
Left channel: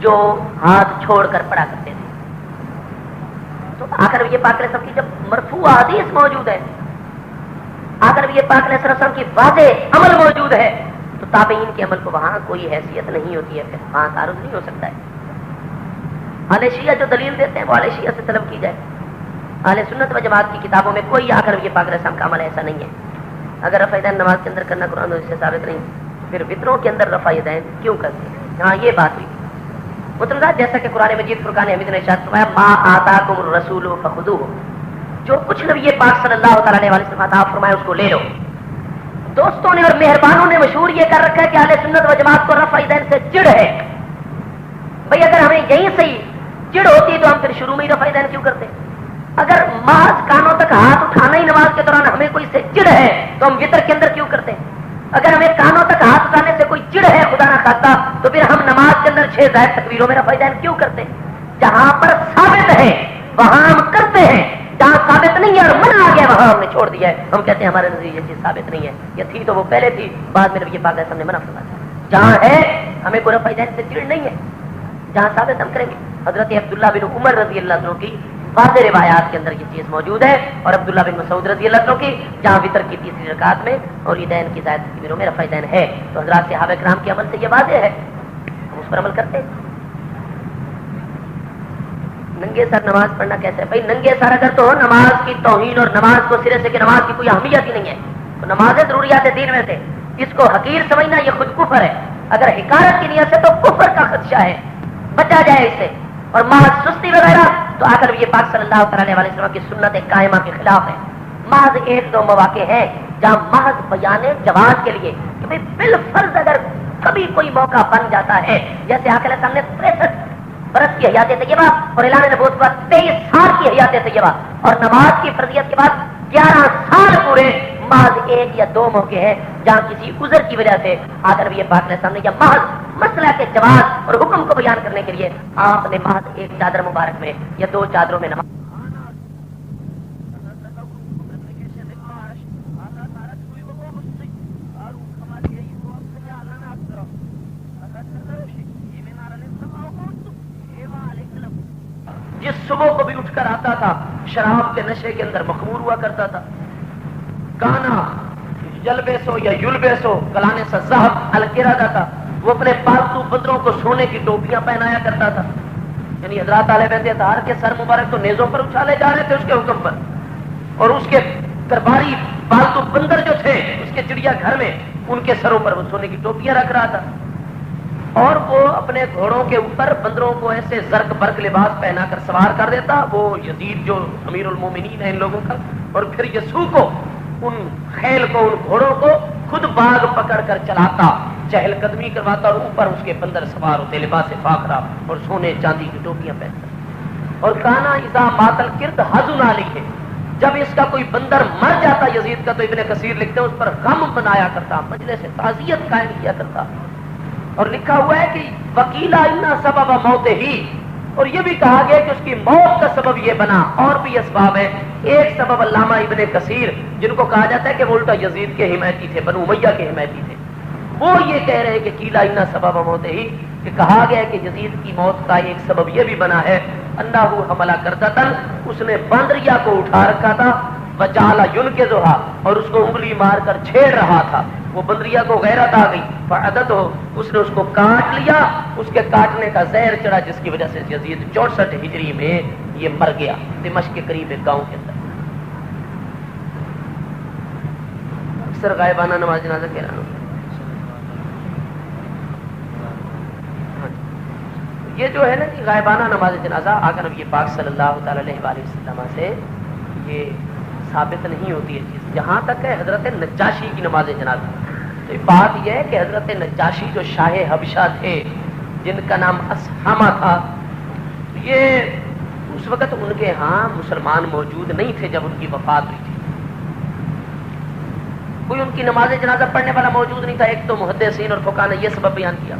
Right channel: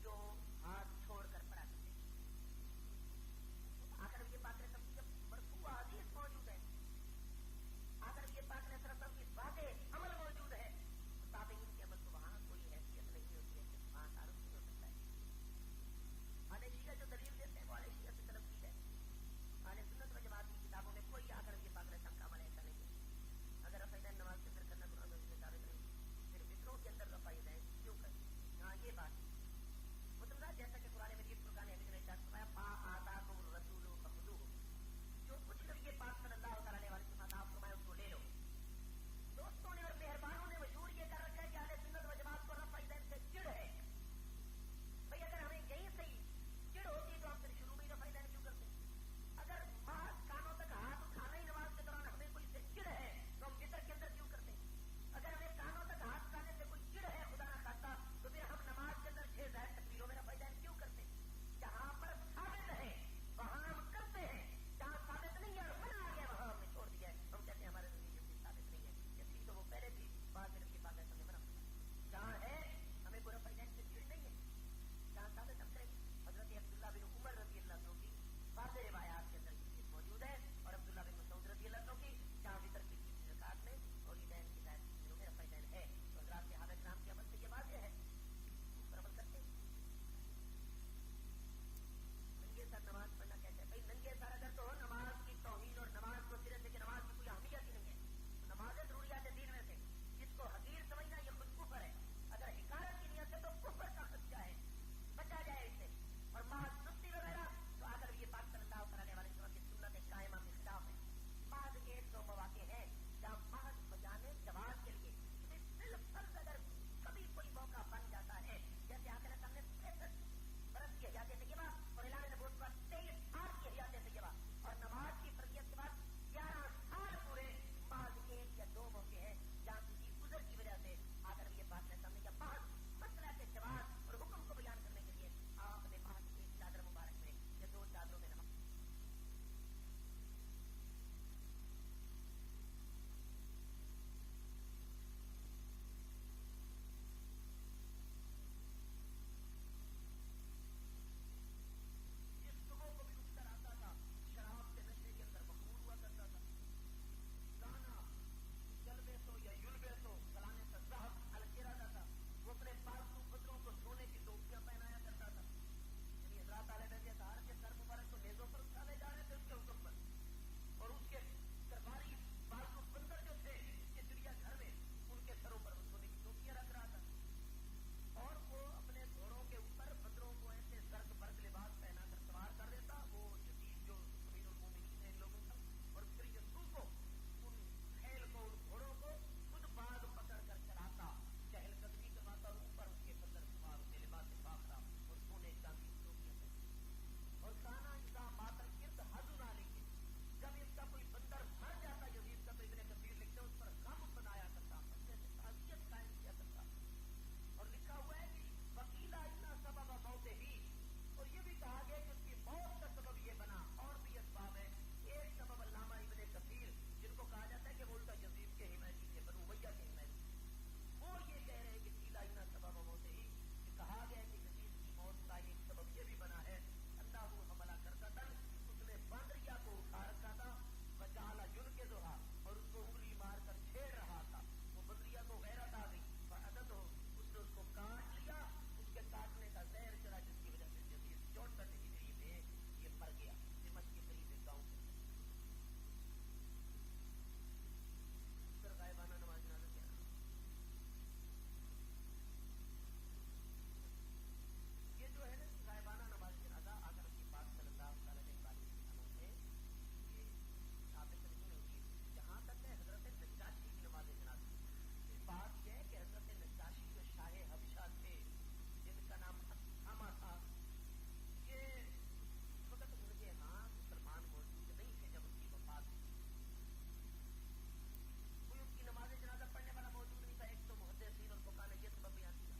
جو ہاتھ چھوڑ کر پڑھا کرتے تھے۔ تو آخر یہ پاک علیہ السلام کی جب مرفوع حدیث موجود ہے، آخر یہ پاک علیہ السلام کی واضح عمل موجود ہے، تو تابعین کے عمل کو وہاں کوئی حیثیت نہیں ہوتی ہے، پھر وہاں تعارض نہیں ہو سکتا ہے۔ اہل شیعہ جو دلیل دیتے ہیں وہ اہل شیعہ سے طلب کی جائے، اہل سنت و جماعت کی کتابوں میں کوئی آخر یہ پاک علیہ السلام کا عمل ایسا نہیں ہے۔ اگر رفع دین نماز کے اندر کرنا قرآن سے ثابت نہیں، پھر وطروں کے اندر رفع دین کیوں کرتے ہیں؟ ہاں یہ بات ہوئی مطلب جیسا کہ قرآن مجید فرقان حمید نے ارشاد فرمایا ما آتاکم الرسول فخذوہ، جو کچھ نبی پاک صلی اللہ تعالی علیہ وسلم عطا فرمایا اس کو لے لو۔ دوستوں نے اور مہربانوں نے مشہور یہ کر رکھا ہے کہ اہل سنت و جماعت کو رفع دین سے چڑ ہے۔ بھئی اگر ہمیں یہیں سے ہی چڑ ہوتی تو ہم پھر شروع میں ہی رفع دین کیوں کرتے؟ اگر محض کانوں تک ہاتھ اٹھانا ہی نماز کے دوران ہمیں کوئی سے چڑ ہے تو ہم وتر کے اندر کیوں کرتے ہیں؟ اگر ہمیں کانوں تک ہاتھ اٹھانے سے کوئی چڑ ہے خدا نہ خواستہ تو پھر ہم نماز کے اندر 6 زائد تکبیروں میں رفع دین کیوں کرتے ہیں؟ جہاں پر ثابت ہے وہاں ہم کرتے ہیں، جہاں ثابت نہیں ہے اور منع آ گیا وہاں ہم نے چھوڑ دیا ہے۔ ہم کہتے ہیں ہمارے نزدیک یہ چیز ثابت نہیں ہے، یہ تھی تو وہ پہلے تھی، بعد میں نبی پاک علیہ السلام نے منع فرمایا۔ جہاں ہے ہمیں کوئی رفع دین سے چڑ نہیں ہے، جہاں ثابت ہم کریں گے۔ حضرت عبداللہ بن عمر رضی اللہ عنہ کی واضح روایات کے اندر یہ چیز موجود ہے، اور عبداللہ بن مسعود رضی اللہ عنہ کی جہاں وطر کی تیسری رکعت میں اور عیدین کی زائد تکبیروں میں رفع دین ہے، تو حضرات صحابہ کرام کے عمل سے یہ واضح ہے، ہم اس پر عمل کرتے ہیں۔ ننگے سر نماز پڑھنا کیسے ہے؟ بھائی ننگے سر اگر تو نماز کی توہین اور نماز کو سرے سے کہ نماز کی کوئی اہمیت ہی نہیں ہے، تو نماز ضروریات دین میں سے اس کو حقیر سمجھنا یہ خود کفر ہے۔ اگر حکارت کی نیت سے تو کفر کا خدشہ ہے، بچا جائے اس سے۔ اور محض سستی وغیرہ تو آخر یہ پاک صلی اللہ تعالی علیہ وسلم کی سنت قائمہ کے خلاف ہے۔ محض ایک دو مواقع ہیں جہاں محض بیان جواز کے لیے کہ بھائی بالفرض اگر کبھی کوئی موقع بن جاتا ہے، جیسے آقا علیہ السلام نے 63 برس کی حیات طیبہ اور اعلان نبوت کے بعد 23 سال کی حیات طیبہ اور نماز کی فرضیت کے بعد 11 سال پورے، محض ایک یا دو موقع ہیں جہاں کسی عذر کی وجہ سے آخر یہ پاک علیہ السلام نے یا محض مسئلہ کے جواز اور حکم کو بیان کرنے کے لیے آپ نے محض ایک چادر مبارک میں یا دو چادروں میں نماز جس صبح کو بھی اٹھ کر آتا تھا شراب کے نشے کے اندر مخمور ہوا کرتا تھا، کانا یلبسو یا یلبسو کلانے سے ذہب الکرادہ تھا، وہ اپنے پالتو بندروں کو سونے کی ٹوپیاں پہنایا کرتا تھا، یعنی حضرات علیہ بیت اطہار کے سر مبارک تو نیزوں پر اچھالے جا رہے تھے اس کے حکم پر، اور اس کے درباری پالتو بندر جو تھے اس کے چڑیا گھر میں ان کے سروں پر وہ سونے کی ٹوپیاں رکھ رہا تھا، اور وہ اپنے گھوڑوں کے اوپر بندروں کو ایسے زرق برق لباس پہنا کر سوار کر دیتا، وہ یزید جو امیر المومنین ہے ان لوگوں کا، اور پھر یسوع کو ان خیل کو ان گھوڑوں کو خود باغ پکڑ کر چلاتا، چہل قدمی کرواتا، اور اوپر اس کے بندر سوار ہوتے لباس فاخرہ اور سونے چاندی کی ٹوپیاں پہنتا، اور کانا اذا ماتل کرد حزن علیہ، جب اس کا کوئی بندر مر جاتا یزید کا تو ابن کثیر لکھتے ہیں اس پر غم بنایا کرتا، مجلس تعزیت قائم کیا کرتا، اور لکھا ہوا ہے کہ وکیلا انا سبب موت ہی، اور یہ بھی کہا گیا کہ اس کی موت کا سبب یہ بنا، اور بھی اسباب ہے، ایک سبب علامہ ابن کثیر جن کو کہا جاتا ہے کہ وہ الٹا یزید کے حمایتی تھے، بنو امیہ کے حمایتی تھے، وہ یہ کہہ رہے ہیں کہ کیلا انا سبب موت ہی، کہ کہا گیا کہ یزید کی موت کا ایک سبب یہ بھی بنا ہے انہ حملہ کردتن، اس نے باندریا کو اٹھا رکھا تھا، وجعل ینکزھا، اور اس کو انگلی مار کر چھیڑ رہا تھا، وہ بندریا کو غیرت آ گئی، فعدت ہو، اس نے اس کو کاٹ لیا، اس کے کاٹنے کا زہر چڑھا جس کی وجہ سے یزید 64 ہجری میں یہ مر گیا دمشق کے قریب ایک گاؤں کے اندر۔ اکثر غائبانہ نماز جنازہ کہہ رہا ہوں، یہ جو ہے نا کہ غائبانہ نماز جنازہ آقا نبی پاک صلی اللہ تعالی علیہ وآلہ وسلم سے یہ ثابت نہیں ہوتی ہے چیز، جہاں تک ہے حضرت نجاشی کی نماز جنازہ، تو بات یہ ہے کہ حضرت نجاشی جو شاہ حبشہ تھے جن کا نام اسحامہ تھا، یہ اس وقت ان کے ہاں مسلمان موجود نہیں تھے جب ان کی وفات ہوئی تھی، کوئی ان کی نماز جنازہ پڑھنے والا موجود نہیں تھا، ایک تو محدثین اور فقہاء نے یہ سبب بیان کیا،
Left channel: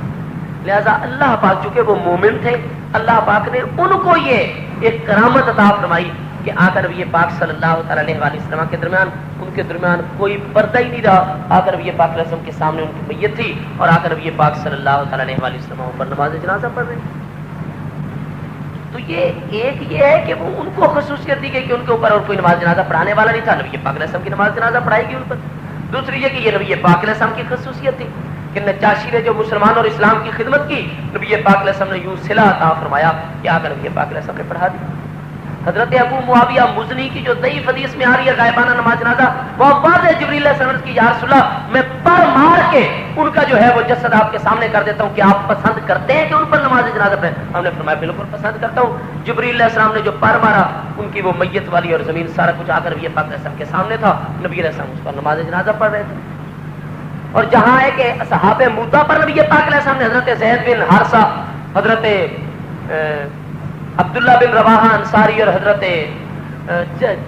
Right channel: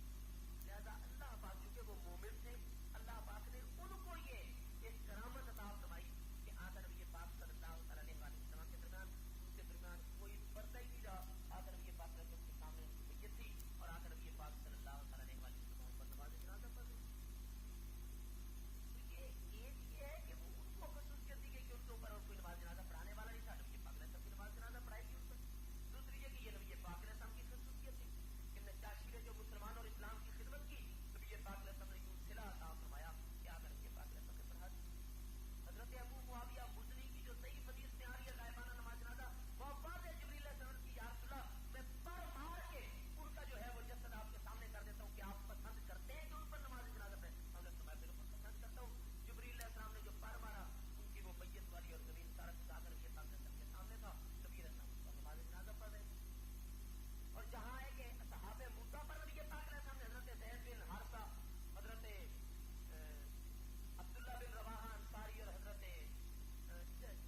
لہذا اللہ پاک چونکہ وہ مومن تھے، اللہ پاک نے ان کو یہ ایک کرامت عطا فرمائی کہ آقا نبی پاک صلی اللہ تعالی علیہ وآلہ وسلم کے درمیان ان کے درمیان کوئی پردہ ہی نہیں رہا، آقا نبی پاک علیہ وسلم کے سامنے ان کی میت تھی اور آقا نبی پاک صلی اللہ تعالی علیہ وآلہ وسلم پر نماز جنازہ پڑھ رہے ہیں، تو یہ ایک یہ ہے کہ وہ ان کو خصوصیت دی گئی کہ ان کے اوپر اور کوئی نماز جنازہ پڑھانے والا نہیں تھا، نبی پاک علیہ وسلم کی نماز جنازہ پڑھائی گئی ان پر، دوسری یہ کہ یہ نبی پاک علیہ السلام کی خصوصیت تھی کہ نجاشی نے جو مسلمان اور اسلام کی خدمت کی، نبی پاک علیہ السلام نے یوں صلہ عطا فرمایا کہ آقا نبی پاک علیہ السلام نے پڑھا دی۔ حضرت ابو معاویہ مزنی کی جو ضعیف حدیث میں آ رہی ہے غائبانہ نماز جنازہ، وہ واضح جبریل علیہ السلام کی یا رسول اللہ میں پر مار کے ان کا جو ہے وہ جسد آپ کے سامنے کر دیتا ہوں کہ آپ پسند کرتے ہیں کہ ان پر نماز جنازہ پڑھیں؟ ہم نے فرمایا بالکل پسند کرتا ہوں۔ جبریل علیہ السلام نے جو پر مارا ان کی وہ میت والی اور زمین سارا کچھ آ کر نبی پاک علیہ السلام کے سامنے تھا، نبی علیہ السلام اس پر نماز جنازہ پڑھ رہے تھے۔ اور جہاں ہے کہ صحابہ مودا پر نبی پاک علیہ السلام نے حضرت زید بن حارثہ، حضرت عبداللہ بن رواحہ انصاری اور حضرت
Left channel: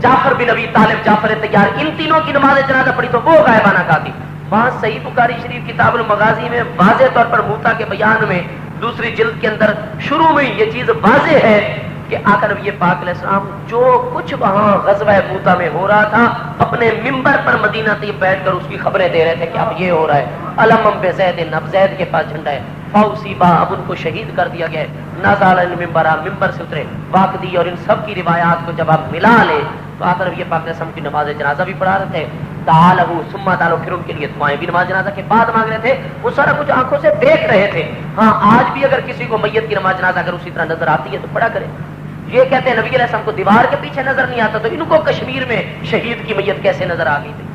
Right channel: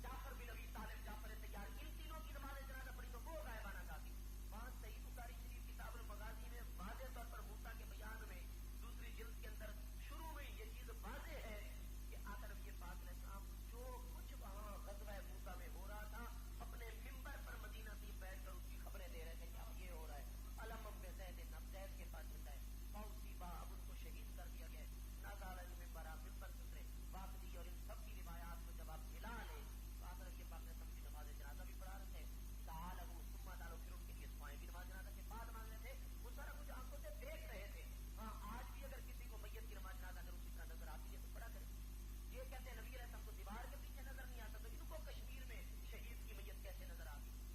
جعفر بن ابی طالب جعفر طیار، ان تینوں کی نماز جنازہ پڑھی تو وہ غائبانہ کہا تھی۔ وہاں صحیح بخاری شریف کتاب المغازی میں واضح طور پر موتا کے بیان میں دوسری جلد کے اندر شروع میں یہ چیز واضح ہے کہ آقا نبی پاک علیہ السلام جو کچھ وہاں غزوہ موتا میں ہو رہا تھا اپنے ممبر پر مدینہ طیب بیٹھ کر اس کی خبریں دے رہے تھے کہ اب یہ ہو رہا ہے، علم بے زید، اب زید کے پاس جھنڈا ہے، فاصیبا، اب ان کو شہید کر دیا گیا ہے، نازل المنبر، ممبر سے اترے، واقعی اور ان سب کی روایات کو جب آپ ملا لے تو آقا نبی پاک علیہ السلام کی نماز جنازہ بھی پڑھا رہے تھے، تعالو ثم تعالو، پھر ان کے لیے دعائیں بھی نماز جنازہ کے بعد مانگ رہے تھے، وہ سارا کچھ آنکھوں سے دیکھ رہے تھے۔ ہاں آج بھی اگر کسی کو میت کی نماز جنازہ اگر اسی طرح نظر آتی ہے تو پڑھا کرے۔ یہ کہتے ہیں نبی علیہ السلام کو دیوار کے پیچھے نظر نہیں آتا، تو ان کو کشمیر میں شہید کی میت کیسے نظر آ گئی تھی؟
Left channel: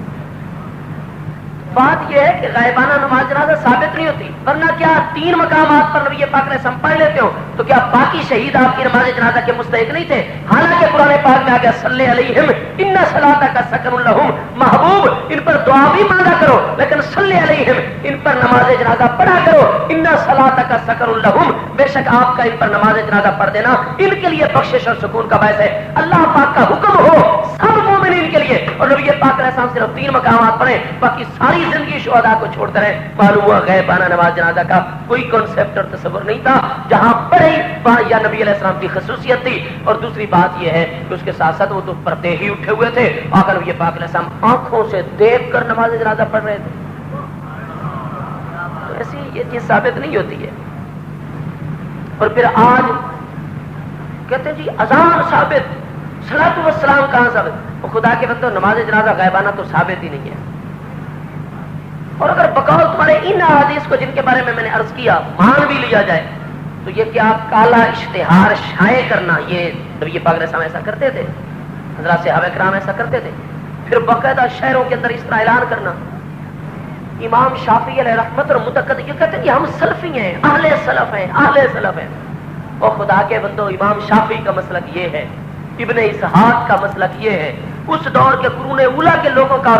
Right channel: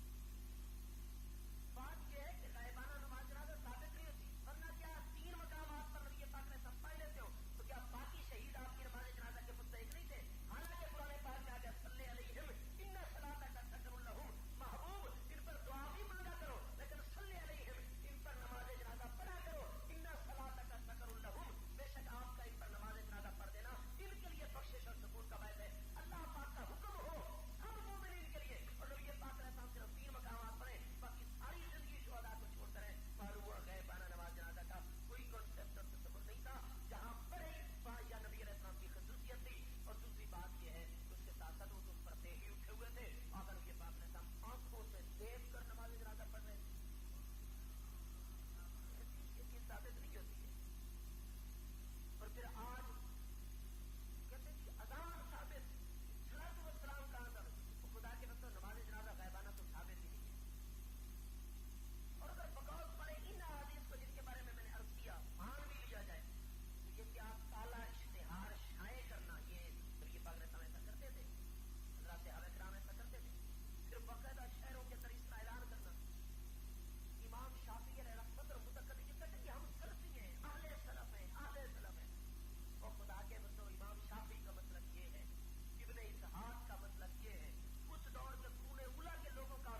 بات یہ ہے کہ غائبانہ نماز جنازہ ثابت نہیں ہوتی، ورنہ کیا 3 مقامات پر نبی پاک نے سم پڑھ لیتے ہو تو کیا باقی شہید آپ کی نماز جنازہ کے مستحق نہیں تھے؟ حالانکہ قرآن پاک میں آ گیا صلی علیہم ان صلاتک سکن لہم، محبوب ان پر دعا بھی مانگا کرو لیکن صلی علیہم ان پر نماز جنازہ پڑھا کرو، ان صلاتک سکن لہم، بے شک آپ کا ان پر نماز جنازہ پڑھ دینا ان کے لیے بخشش اور سکون کا باعث ہے۔ اللہ پاک کا حکم ہو سب مومنین کے لیے، اور نبی پاک علیہ السلام صرف 3 مقامات پڑھے، باقی ساری زندگی شہداء کو چھوڑتے رہے۔ معلوم ہوا غیبانہ نماز جنازہ کا کوئی کنسپٹ اور تصور نہیں تھا، جہاں پڑھے وہاں یا نبی علیہ السلام کی خصوصیت تھی، اور دوسری بات یہ ہے کہ اس کے ساتھ ساتھ وہ تو پردے ہی اٹھے ہوئے تھے، آقا نبی پاک علیہ السلام آنکھوں سے دیکھ کر نماز جنازہ پڑھ رہے تھے۔ تو ایسی یہ چیز ثابت نہیں ہوتی ہے۔ اور پھر آج کہتے ہیں جی اذان ثابت، صلاۃ والسلام کہاں ثابت؟ وہ خدا کے بندو نماز جنازہ غائبانہ تو ثابت ہی نہیں ہے۔ اور اگر بقول تمہارے ان احادیث کو جن کے بارے میں نے عرض کیا مان بھی لیا جائے تو یہ کیا کالا اشتہار شائع کرنا، یہ نبی پاک علیہ السلام ایسا کرتے تھے، حضرات صحابہ کرام ایسا کرتے تھے، پھر باقاعدہ شہروں کے اندر اس طرح اعلان کرنا۔ امام شافعی علیہ رحمت اور متقد یہ کہتے ہیں کہ ہم سلفی ہیں، اہل سلف ہیں، اہل سلف ہیں۔ اور خدا کے بندو امام شافعی کا مسلک یہ ہے، ابن اسحاق کا مسلک یہ ہے، اس دور کے قرون اولیٰ کے لوگوں کا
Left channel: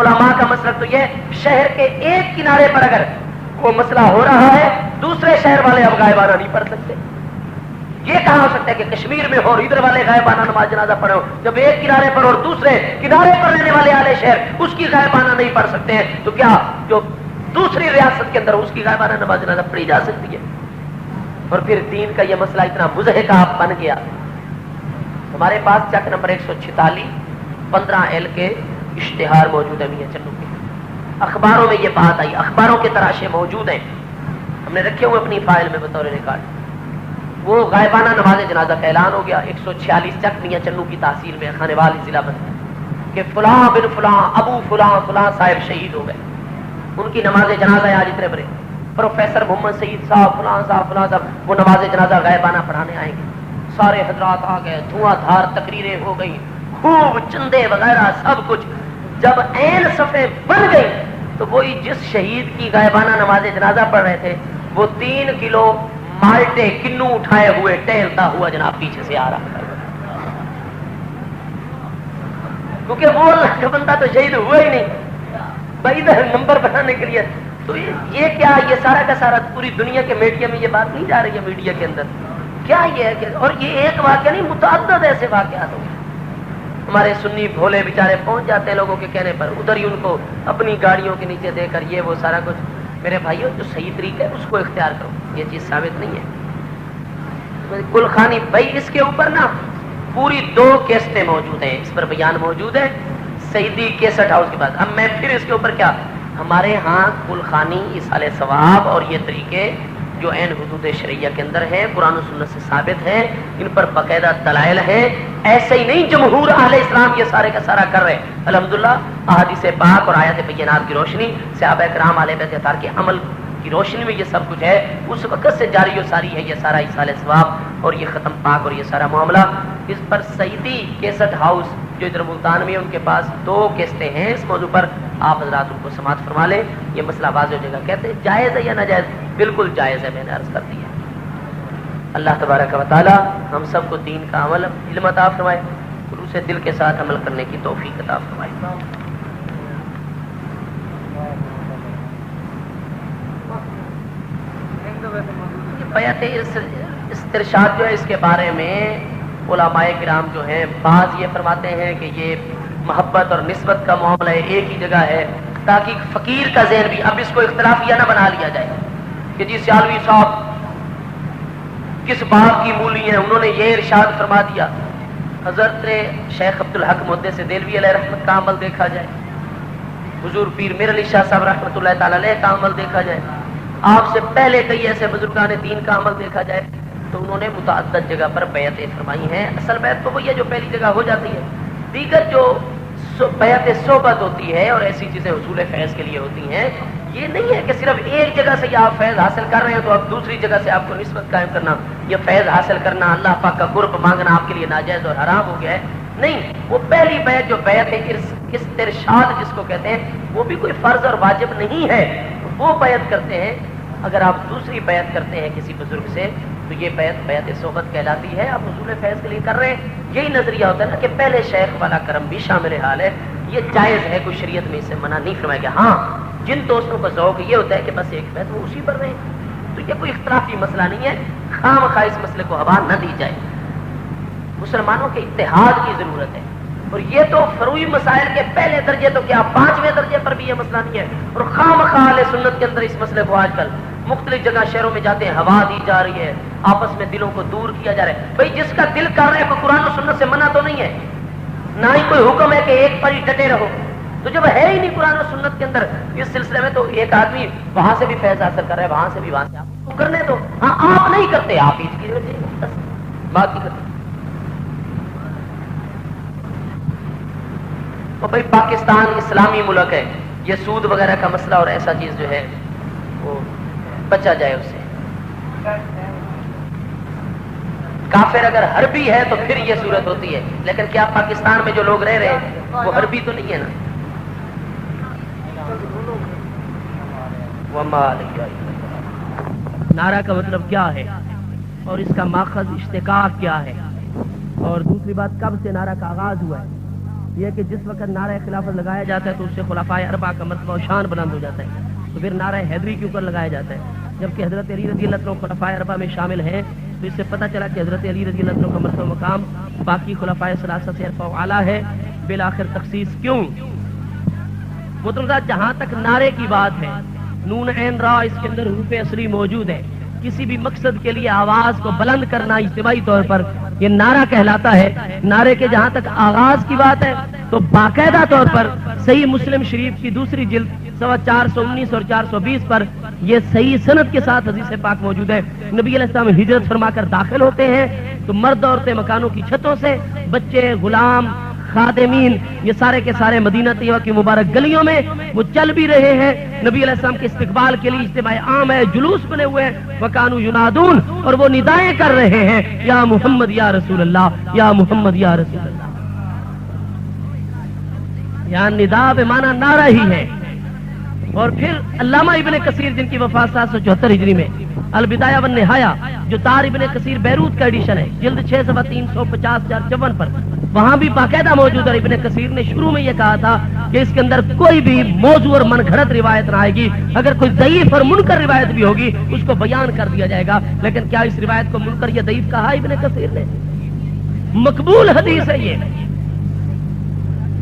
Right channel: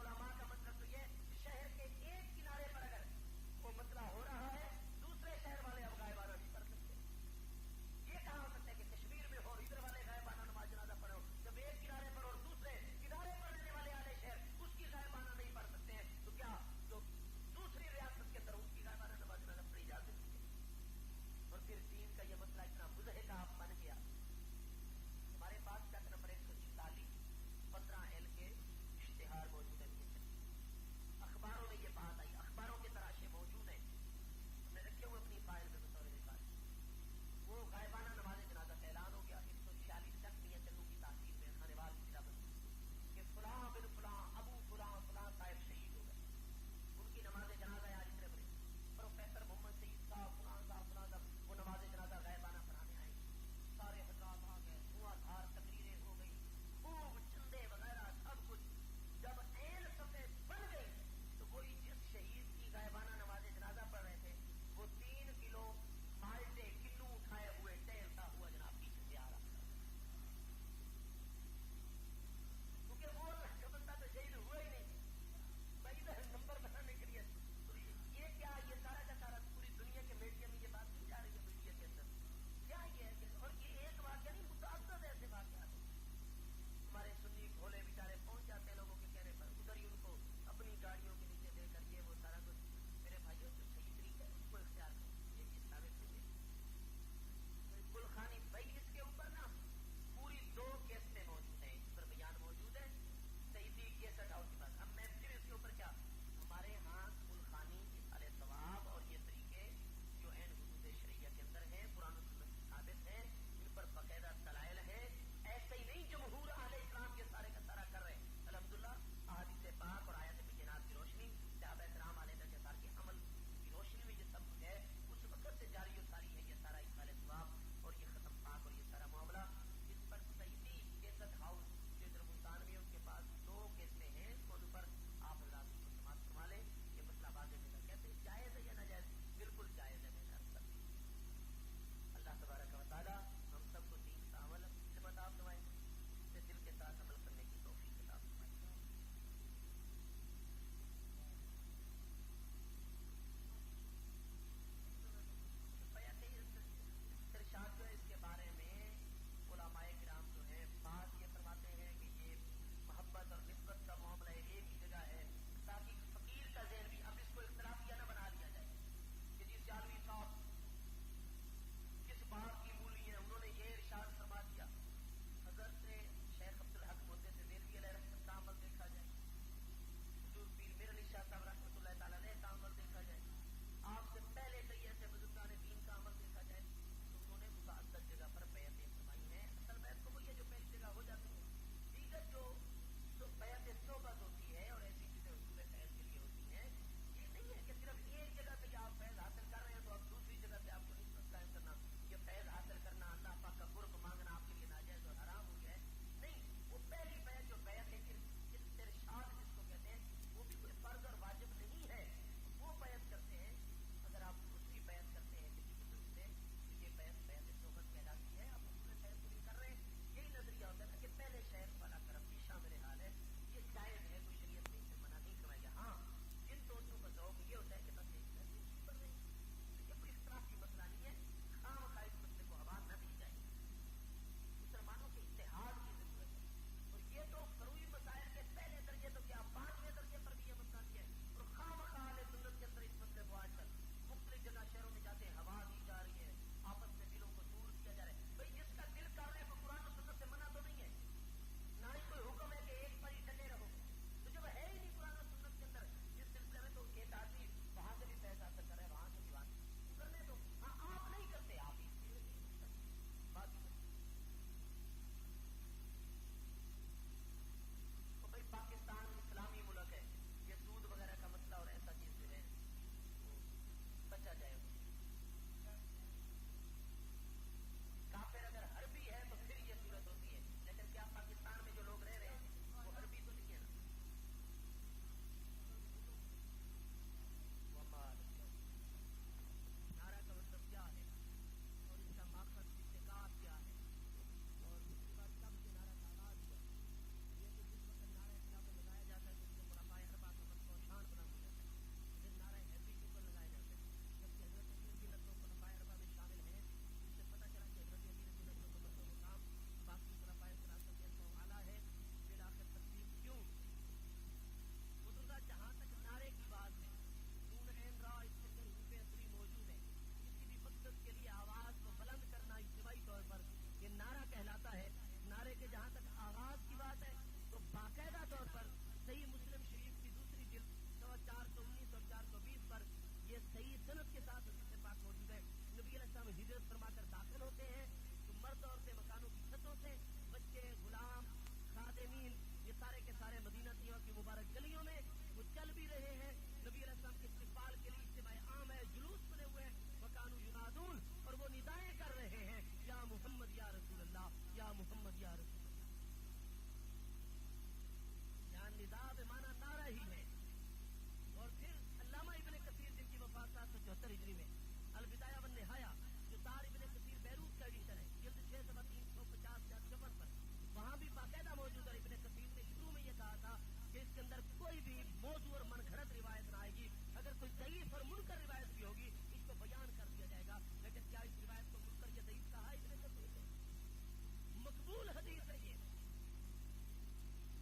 علماء کا مسلک تو یہ، شہر کے ایک کنارے پر اگر کوئی مسئلہ ہو رہا ہے دوسرے شہر والے اب غائبانہ نہیں پڑھ سکتے۔ یہ کہاں ہو سکتا ہے کہ کشمیر میں ہو اور ادھر والے غائبانہ نماز جنازہ پڑھے ہو، جب ایک کنارے پر اور دوسرے کنارے پر رہنے والے اہل شہر اس کی غائبانہ نہیں پڑھ سکتے ہیں، تو کیا جو دوسری ریاست کے اندر اس کی غائبانہ نماز جنازہ پڑھی جا سکتی ہے؟ اور پھر دین کا یہ مسئلہ اتنا مضحکہ بن گیا۔ ہمارے پاس چک نمبر 146 15L کے اشتہار موجود ہے میاں چنو کے، اخباروں میں یہ بات آئی، اخباروں کے تراشے موجود ہیں، ہم نے رکھے ہوئے اپنی فائل میں بطور ریکارڈ۔ وہ غائبانہ نماز جنازہ کا اعلان ہو گیا 146 چک میاں چنو کی تحصیل میں، خانے والی ضلع بند، کہ فلاں بن فلاں ابو فلاں فلاں صاحب شہید ہو گئے، ان کی نماز جنازہ آج اتنے بڑے پروفیسر محمد سعید صاحب فلاں صاحب وہ نماز جنازہ غائبانہ پڑھانے آئیں گے۔ سارے حضرات آ گئے، دھواں دھار تقریریں ہو گئی، خوب چندے وغیرہ سب کچھ۔ جب عین صفحے بن گئی تو وہی جس شہید کی غائبانہ نماز جنازہ پڑھ رہے تھے وہ 3 کلو مالٹے کنو اٹھائے ہوئے ٹہلتا ہوا جناب پیچھے سے آ رہا، کیونکہ وہ اللہ کا بندہ تو شہید ہوا ہی نہیں بھائی، ادھر نمبر بنانے کے لیے۔ تو یہ کیا، یہ سارا کا سارا پوری دنیا کے میڈیا میں یہ بات نہیں جا رہی ہے، میڈیا کے اندر کیا یہ ہے کہ، اور یہ ایک واقعہ نہیں متعدد ایسے واقعات ہو گئے۔ ہمارے سنی بھولے بیچارے پہنچ جاتے ہیں لوگوں کے کہنے پر، ادھر ہی ان کو اپنی گاڑیوں کے نیچے دے کر یہ وہ سارا کچھ۔ میرے بھائیوں جو صحیح طریقہ ہے اس کو اختیار کرو، یہ چیز ثابت نہیں ہے۔ گلخانی بھائی اس کے اوپر نا پوری 2 کیسٹیں موجود ہیں، اس پر بیان موجود ہے سعیدی کیسٹ ہاؤس کے بعد۔ اب میں پھر اس کے اوپر کیا، ہمارے ہاں گلخانی ایصال ثواب اور یہ طریقے جو عین حدود شرعیہ کے اندر ہیں، قرآن و سنت سے ثابت ہیں، ان پر باقاعدہ دلائل ہیں۔ ایسے ہی نہیں جمہور اہل اسلام یہ سارے کا سارا کر رہے، الحمدللہ احادیث پاک اور آیات بینات کی روشنی، صحابہ کرام علیہ بیت اطہار کے عمل کی روشنی میں یہ سب کچھ ہے، اس وقت سے جاری و ساری ہے یہ سارا ایصال ثواب اور یہ ختم پاک اور یہ سارا معاملہ۔ اس پر سعیدی کیسٹ ہاؤس جو ادھر ملتان میں ان کے پاس 2 کیسٹیں ہیں اس موضوع پر، آپ حضرات ان کو سماعت فرما لیں، یہ مسئلہ واضح ہو جائے گا۔ کہتے ہیں جائز ہے یا ناجائز؟ بالکل جائز ہے، میں نے عرض کر دی ہے۔ اللہ تبارک و تعالی ہم سب کو دین کا عمل علم عطا فرمائے، خلوص دل کے ساتھ عمل کرنے کی توفیق عطا فرمائے۔ بیعت استرشاد جو ہے اس کے بارے میں علماء کرام جو ہیں بعض یہ فرماتے ہیں کہ یہ محبت اور نسبت کا معاملہ ایک ہی جگہ ہے، تاکہ فقیر کا ذہن بھی اب اس کو اختلافیہ نہ بنا لیا جائے کہ جی سیالوی صاحب کس باب کی مولی ہیں، انہوں نے یہ ارشاد فرما دیا۔ حضرت شیخ عبدالحق محدث دہلوی علیہ رحمت کا عمل دیکھا جائے، حضور پیر میر علی شاہ صاحب رحمۃ اللہ تعالی علیہ کا عمل دیکھا جائے، آپ سے پہلے کئی ایسے بزرگان دین کا عمل دیکھا جائے، تو انہوں نے متعدد جگہ پر بیعتیں فرمائی ہیں۔ اصل بیعت تو وہی ہے جو پہلی جگہ ہو جاتی ہے، دیگر جو بیعت صحبت ہوتی ہے اور ایسی چیزیں حصول فیض کے لیے ہوتی ہیں، یہ نہیں ہے کہ صرف ایک جگہ سے آپ فیض حاصل کر رہے ہیں تو اب دوسری جگہ سے آپ کو نسبت قائم کرنا، یہ فیض حاصل کرنا، اللہ پاک کا قرب مانگنا آپ کے لیے ناجائز اور حرام ہو گیا ہے۔ نہیں، وہ پہلی بیعت جو بیعت استرشاد جس کو کہتے ہیں، وہ بھی کوئی فرض اور واجب نہیں ہے، وہ بیعت کرتے ہیں۔ اگر آپ دوسری بیعت کرتے ہیں کسی بزرگ سے تو یہ بیعت صحبت کہلاتی ہے، آپ حصول فیض کے لیے کر رہے ہیں۔ یہی نظریہ ہوتا ہے نا کہ پہلے شیخ والا کرم بھی شامل حال ہے، یہ جائز ہے، کوئی شریعت میں اسے منع نہیں فرمایا گیا۔ ہاں، جن دوستوں کا ذوق یہ ہوتا ہے کہ بس ایک بیعت وہ اسی پر رہے، تو یہ کوئی اختلافی مسئلہ نہیں ہے، خواہ مخواہ اس مسئلے کو ہوا نہ دی جائے۔ مسلمانوں کے اتحاد کی ضرورت ہے، اور یہ تو فروعی مسائل کے پہلے درجے تو کیا 5ویں درجے پر بھی یہ مسئلہ نہیں ہے، اور خواہ مخواہ اہل سنت کے اندر اس مسئلے کو آج کل مختلف جگہ شہروں میں جاتے ہیں ہوا دی جا رہی ہے، آپس میں دلوں کو دور کیا جا رہا ہے۔ بھائی جس کا دل کر رہا ہے کوئی قرآن و سنت سے منع تو نہیں ہے، نہ ہی کوئی حکم ہے کہ ایک پر ہی ڈٹے رہو، تو جب ہے ہی نہیں قرآن و سنت کے اندر اس سلسلے میں، تو ایک آدمی وہاں سے بھی فیض حاصل کر رہا ہے، وہاں سے بھی، وہاں سے آپ کرنے دو۔ ہاں، آپ نہیں کرتے، آپ اس کی بات نہیں کرتے۔ اور بھائی پاکستان اسلامی ملک ہے، یہ سود وغیرہ کا مسئلہ اور ایسا چیز جو ہے وہ بچا جائے اس سے۔ کافر اگر حربی ہے تو پھر یہ صورت ہوتی ہے، لیکن کیا پاکستان میں جو لوگ رہ رہے ہیں وہ حربی تو نہیں ہے نا؟ نعرہ کا مطلب کیا ہے اور اس کا ماخذ اشتقاق کیا ہے، اور دوسری بات کب سے نعرہ کا آغاز ہوا ہے؟ یہ کہ جس وقت نعرہ خلافت لگایا جاتا ہے تو اس سے خلفائے اربعہ کا مرتبہ و شان بلند ہو جاتا ہے، تو پھر نعرہ حیدری کے اوپر لگایا جاتا ہے، جبکہ حضرت علی رضی اللہ عنہ خلفائے اربعہ میں شامل ہیں، تو اس سے پتہ چلا کہ حضرت علی رضی اللہ عنہ کا مرتبہ مقام باقی خلفائے ثلاثہ سے ارفع و اعلیٰ ہے۔ بالآخر تخصیص کیوں؟ مطلب جہاں تک نعرے کی بات ہے، نون عین را اس کے اندر حروف اصلی موجود ہے، کسی بھی مقصد کے لیے آواز کو بلند کرنا اجتماعی طور پر یہ نعرہ کہلاتا ہے۔ نعرے کے جہاں تک آغاز کی بات ہے تو باقاعدہ طور پر صحیح مسلم شریف کی دوسری جلد سوا 419 اور 420 پر یہ صحیح سند کے ساتھ حدیث پاک موجود ہے۔ نبی علیہ السلام ہجرت فرما کر داخل ہوتے ہیں تو مرد عورتیں مکانوں کی چھتوں سے، بچے، غلام، خادمین، یہ سارے کے سارے مدینہ طیبہ کی مبارک گلیوں میں وہ چل بھی رہے ہیں۔ نبی علیہ السلام کے استقبال کے لیے اجتماع عام ہے، جلوس بنے ہوئے ہیں، وکانوا ینادون، اور وہ ندائیں کر رہے ہیں، یا محمد یا رسول اللہ، یا محمد یا رسول اللہ۔ یہاں ندا بمعنی نعرہ ہی ہے۔ اور پھر علامہ ابن کثیر جن کی وفات 774 ہجری میں، البدایہ والنہایہ جو دار ابن کثیر بیروت کا ایڈیشن ہے، جلد 6 صفحہ 350-454 پر، وہاں بھی باقاعدہ موجود ہے۔ ابن کثیر نے شروع میں یہ کہا تھا کہ اس کے اندر کوئی بھی موضوع اور من گھڑت روایت نہ آئے گی، اگر کوئی ضعیف اور منکر روایت بھی ہوگی اس کو بیان کر دیا جائے گا، لیکن کیا اس روایت کو منکر یا ضعیف کہا ابن کثیر نے؟ مقبول حدیث ہے یہ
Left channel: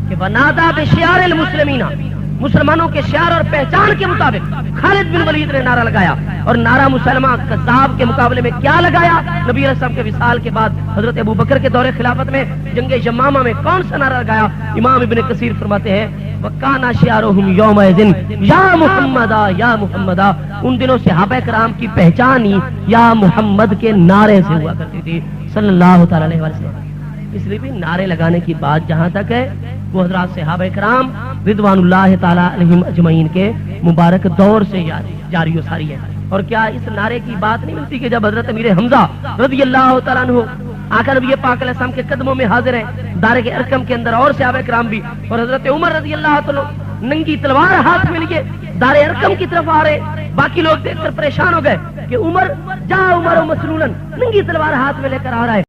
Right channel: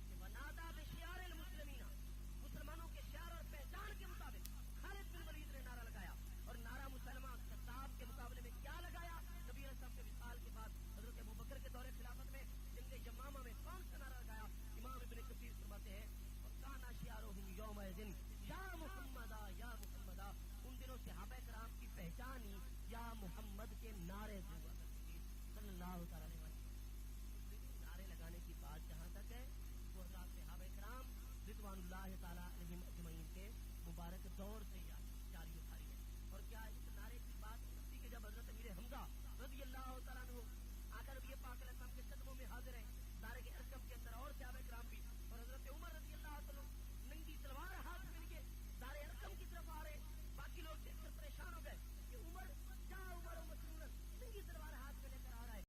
کہ وَنَادَى بِشِعَارِ الْمُسْلِمِينَ، مسلمانوں کے شعار اور پہچان کے مطابق خالد بن ولید نے نعرہ لگایا، اور نعرہ مسلمہ کذاب کے مقابلے میں کیا لگایا؟ نبی علیہ السلام کے وصال کے بعد حضرت ابو بکر کے دور خلافت میں جنگ یمامہ میں کون سا نعرہ لگایا؟ امام ابن کثیر فرماتے ہیں وَكَانَ شِعَارُهُمْ يَوْمَئِذٍ يَا مُحَمَّدَ يَا مُحَمَّدَ، ان دنوں صحابہ کرام کی پہچان ہی یا محمد کے نعرے سے ہوا کرتی تھی صلی اللہ تعالی علیہ وسلم۔ اس لیے بھی نعرے لگانے کی بات جہاں تک ہے وہ حضرات صحابہ کرام رضوان اللہ تعالی علیہم اجمعین کے مبارک دور سے جاری و ساری ہے۔ اور کیا اس نعرے کی بات نہیں ملتی کہ جب حضرت امیر حمزہ رضی اللہ تعالیٰ عنہ آقا نبی پاک علیہ السلام کے قدموں میں حاضر ہیں دار کے ارقم کے اندر، اور صحابہ کرام بھی، اور حضرت عمر رضی اللہ تعالیٰ ننگی تلوار ہاتھ میں لیے دار ارقم کی طرف آ رہے، باقی لوگ دیکھ کر پریشان ہو گئے کہ عمر جا عمر مسلولن، ننگی تلوار ہاتھ میں لے کر آ رہا ہے۔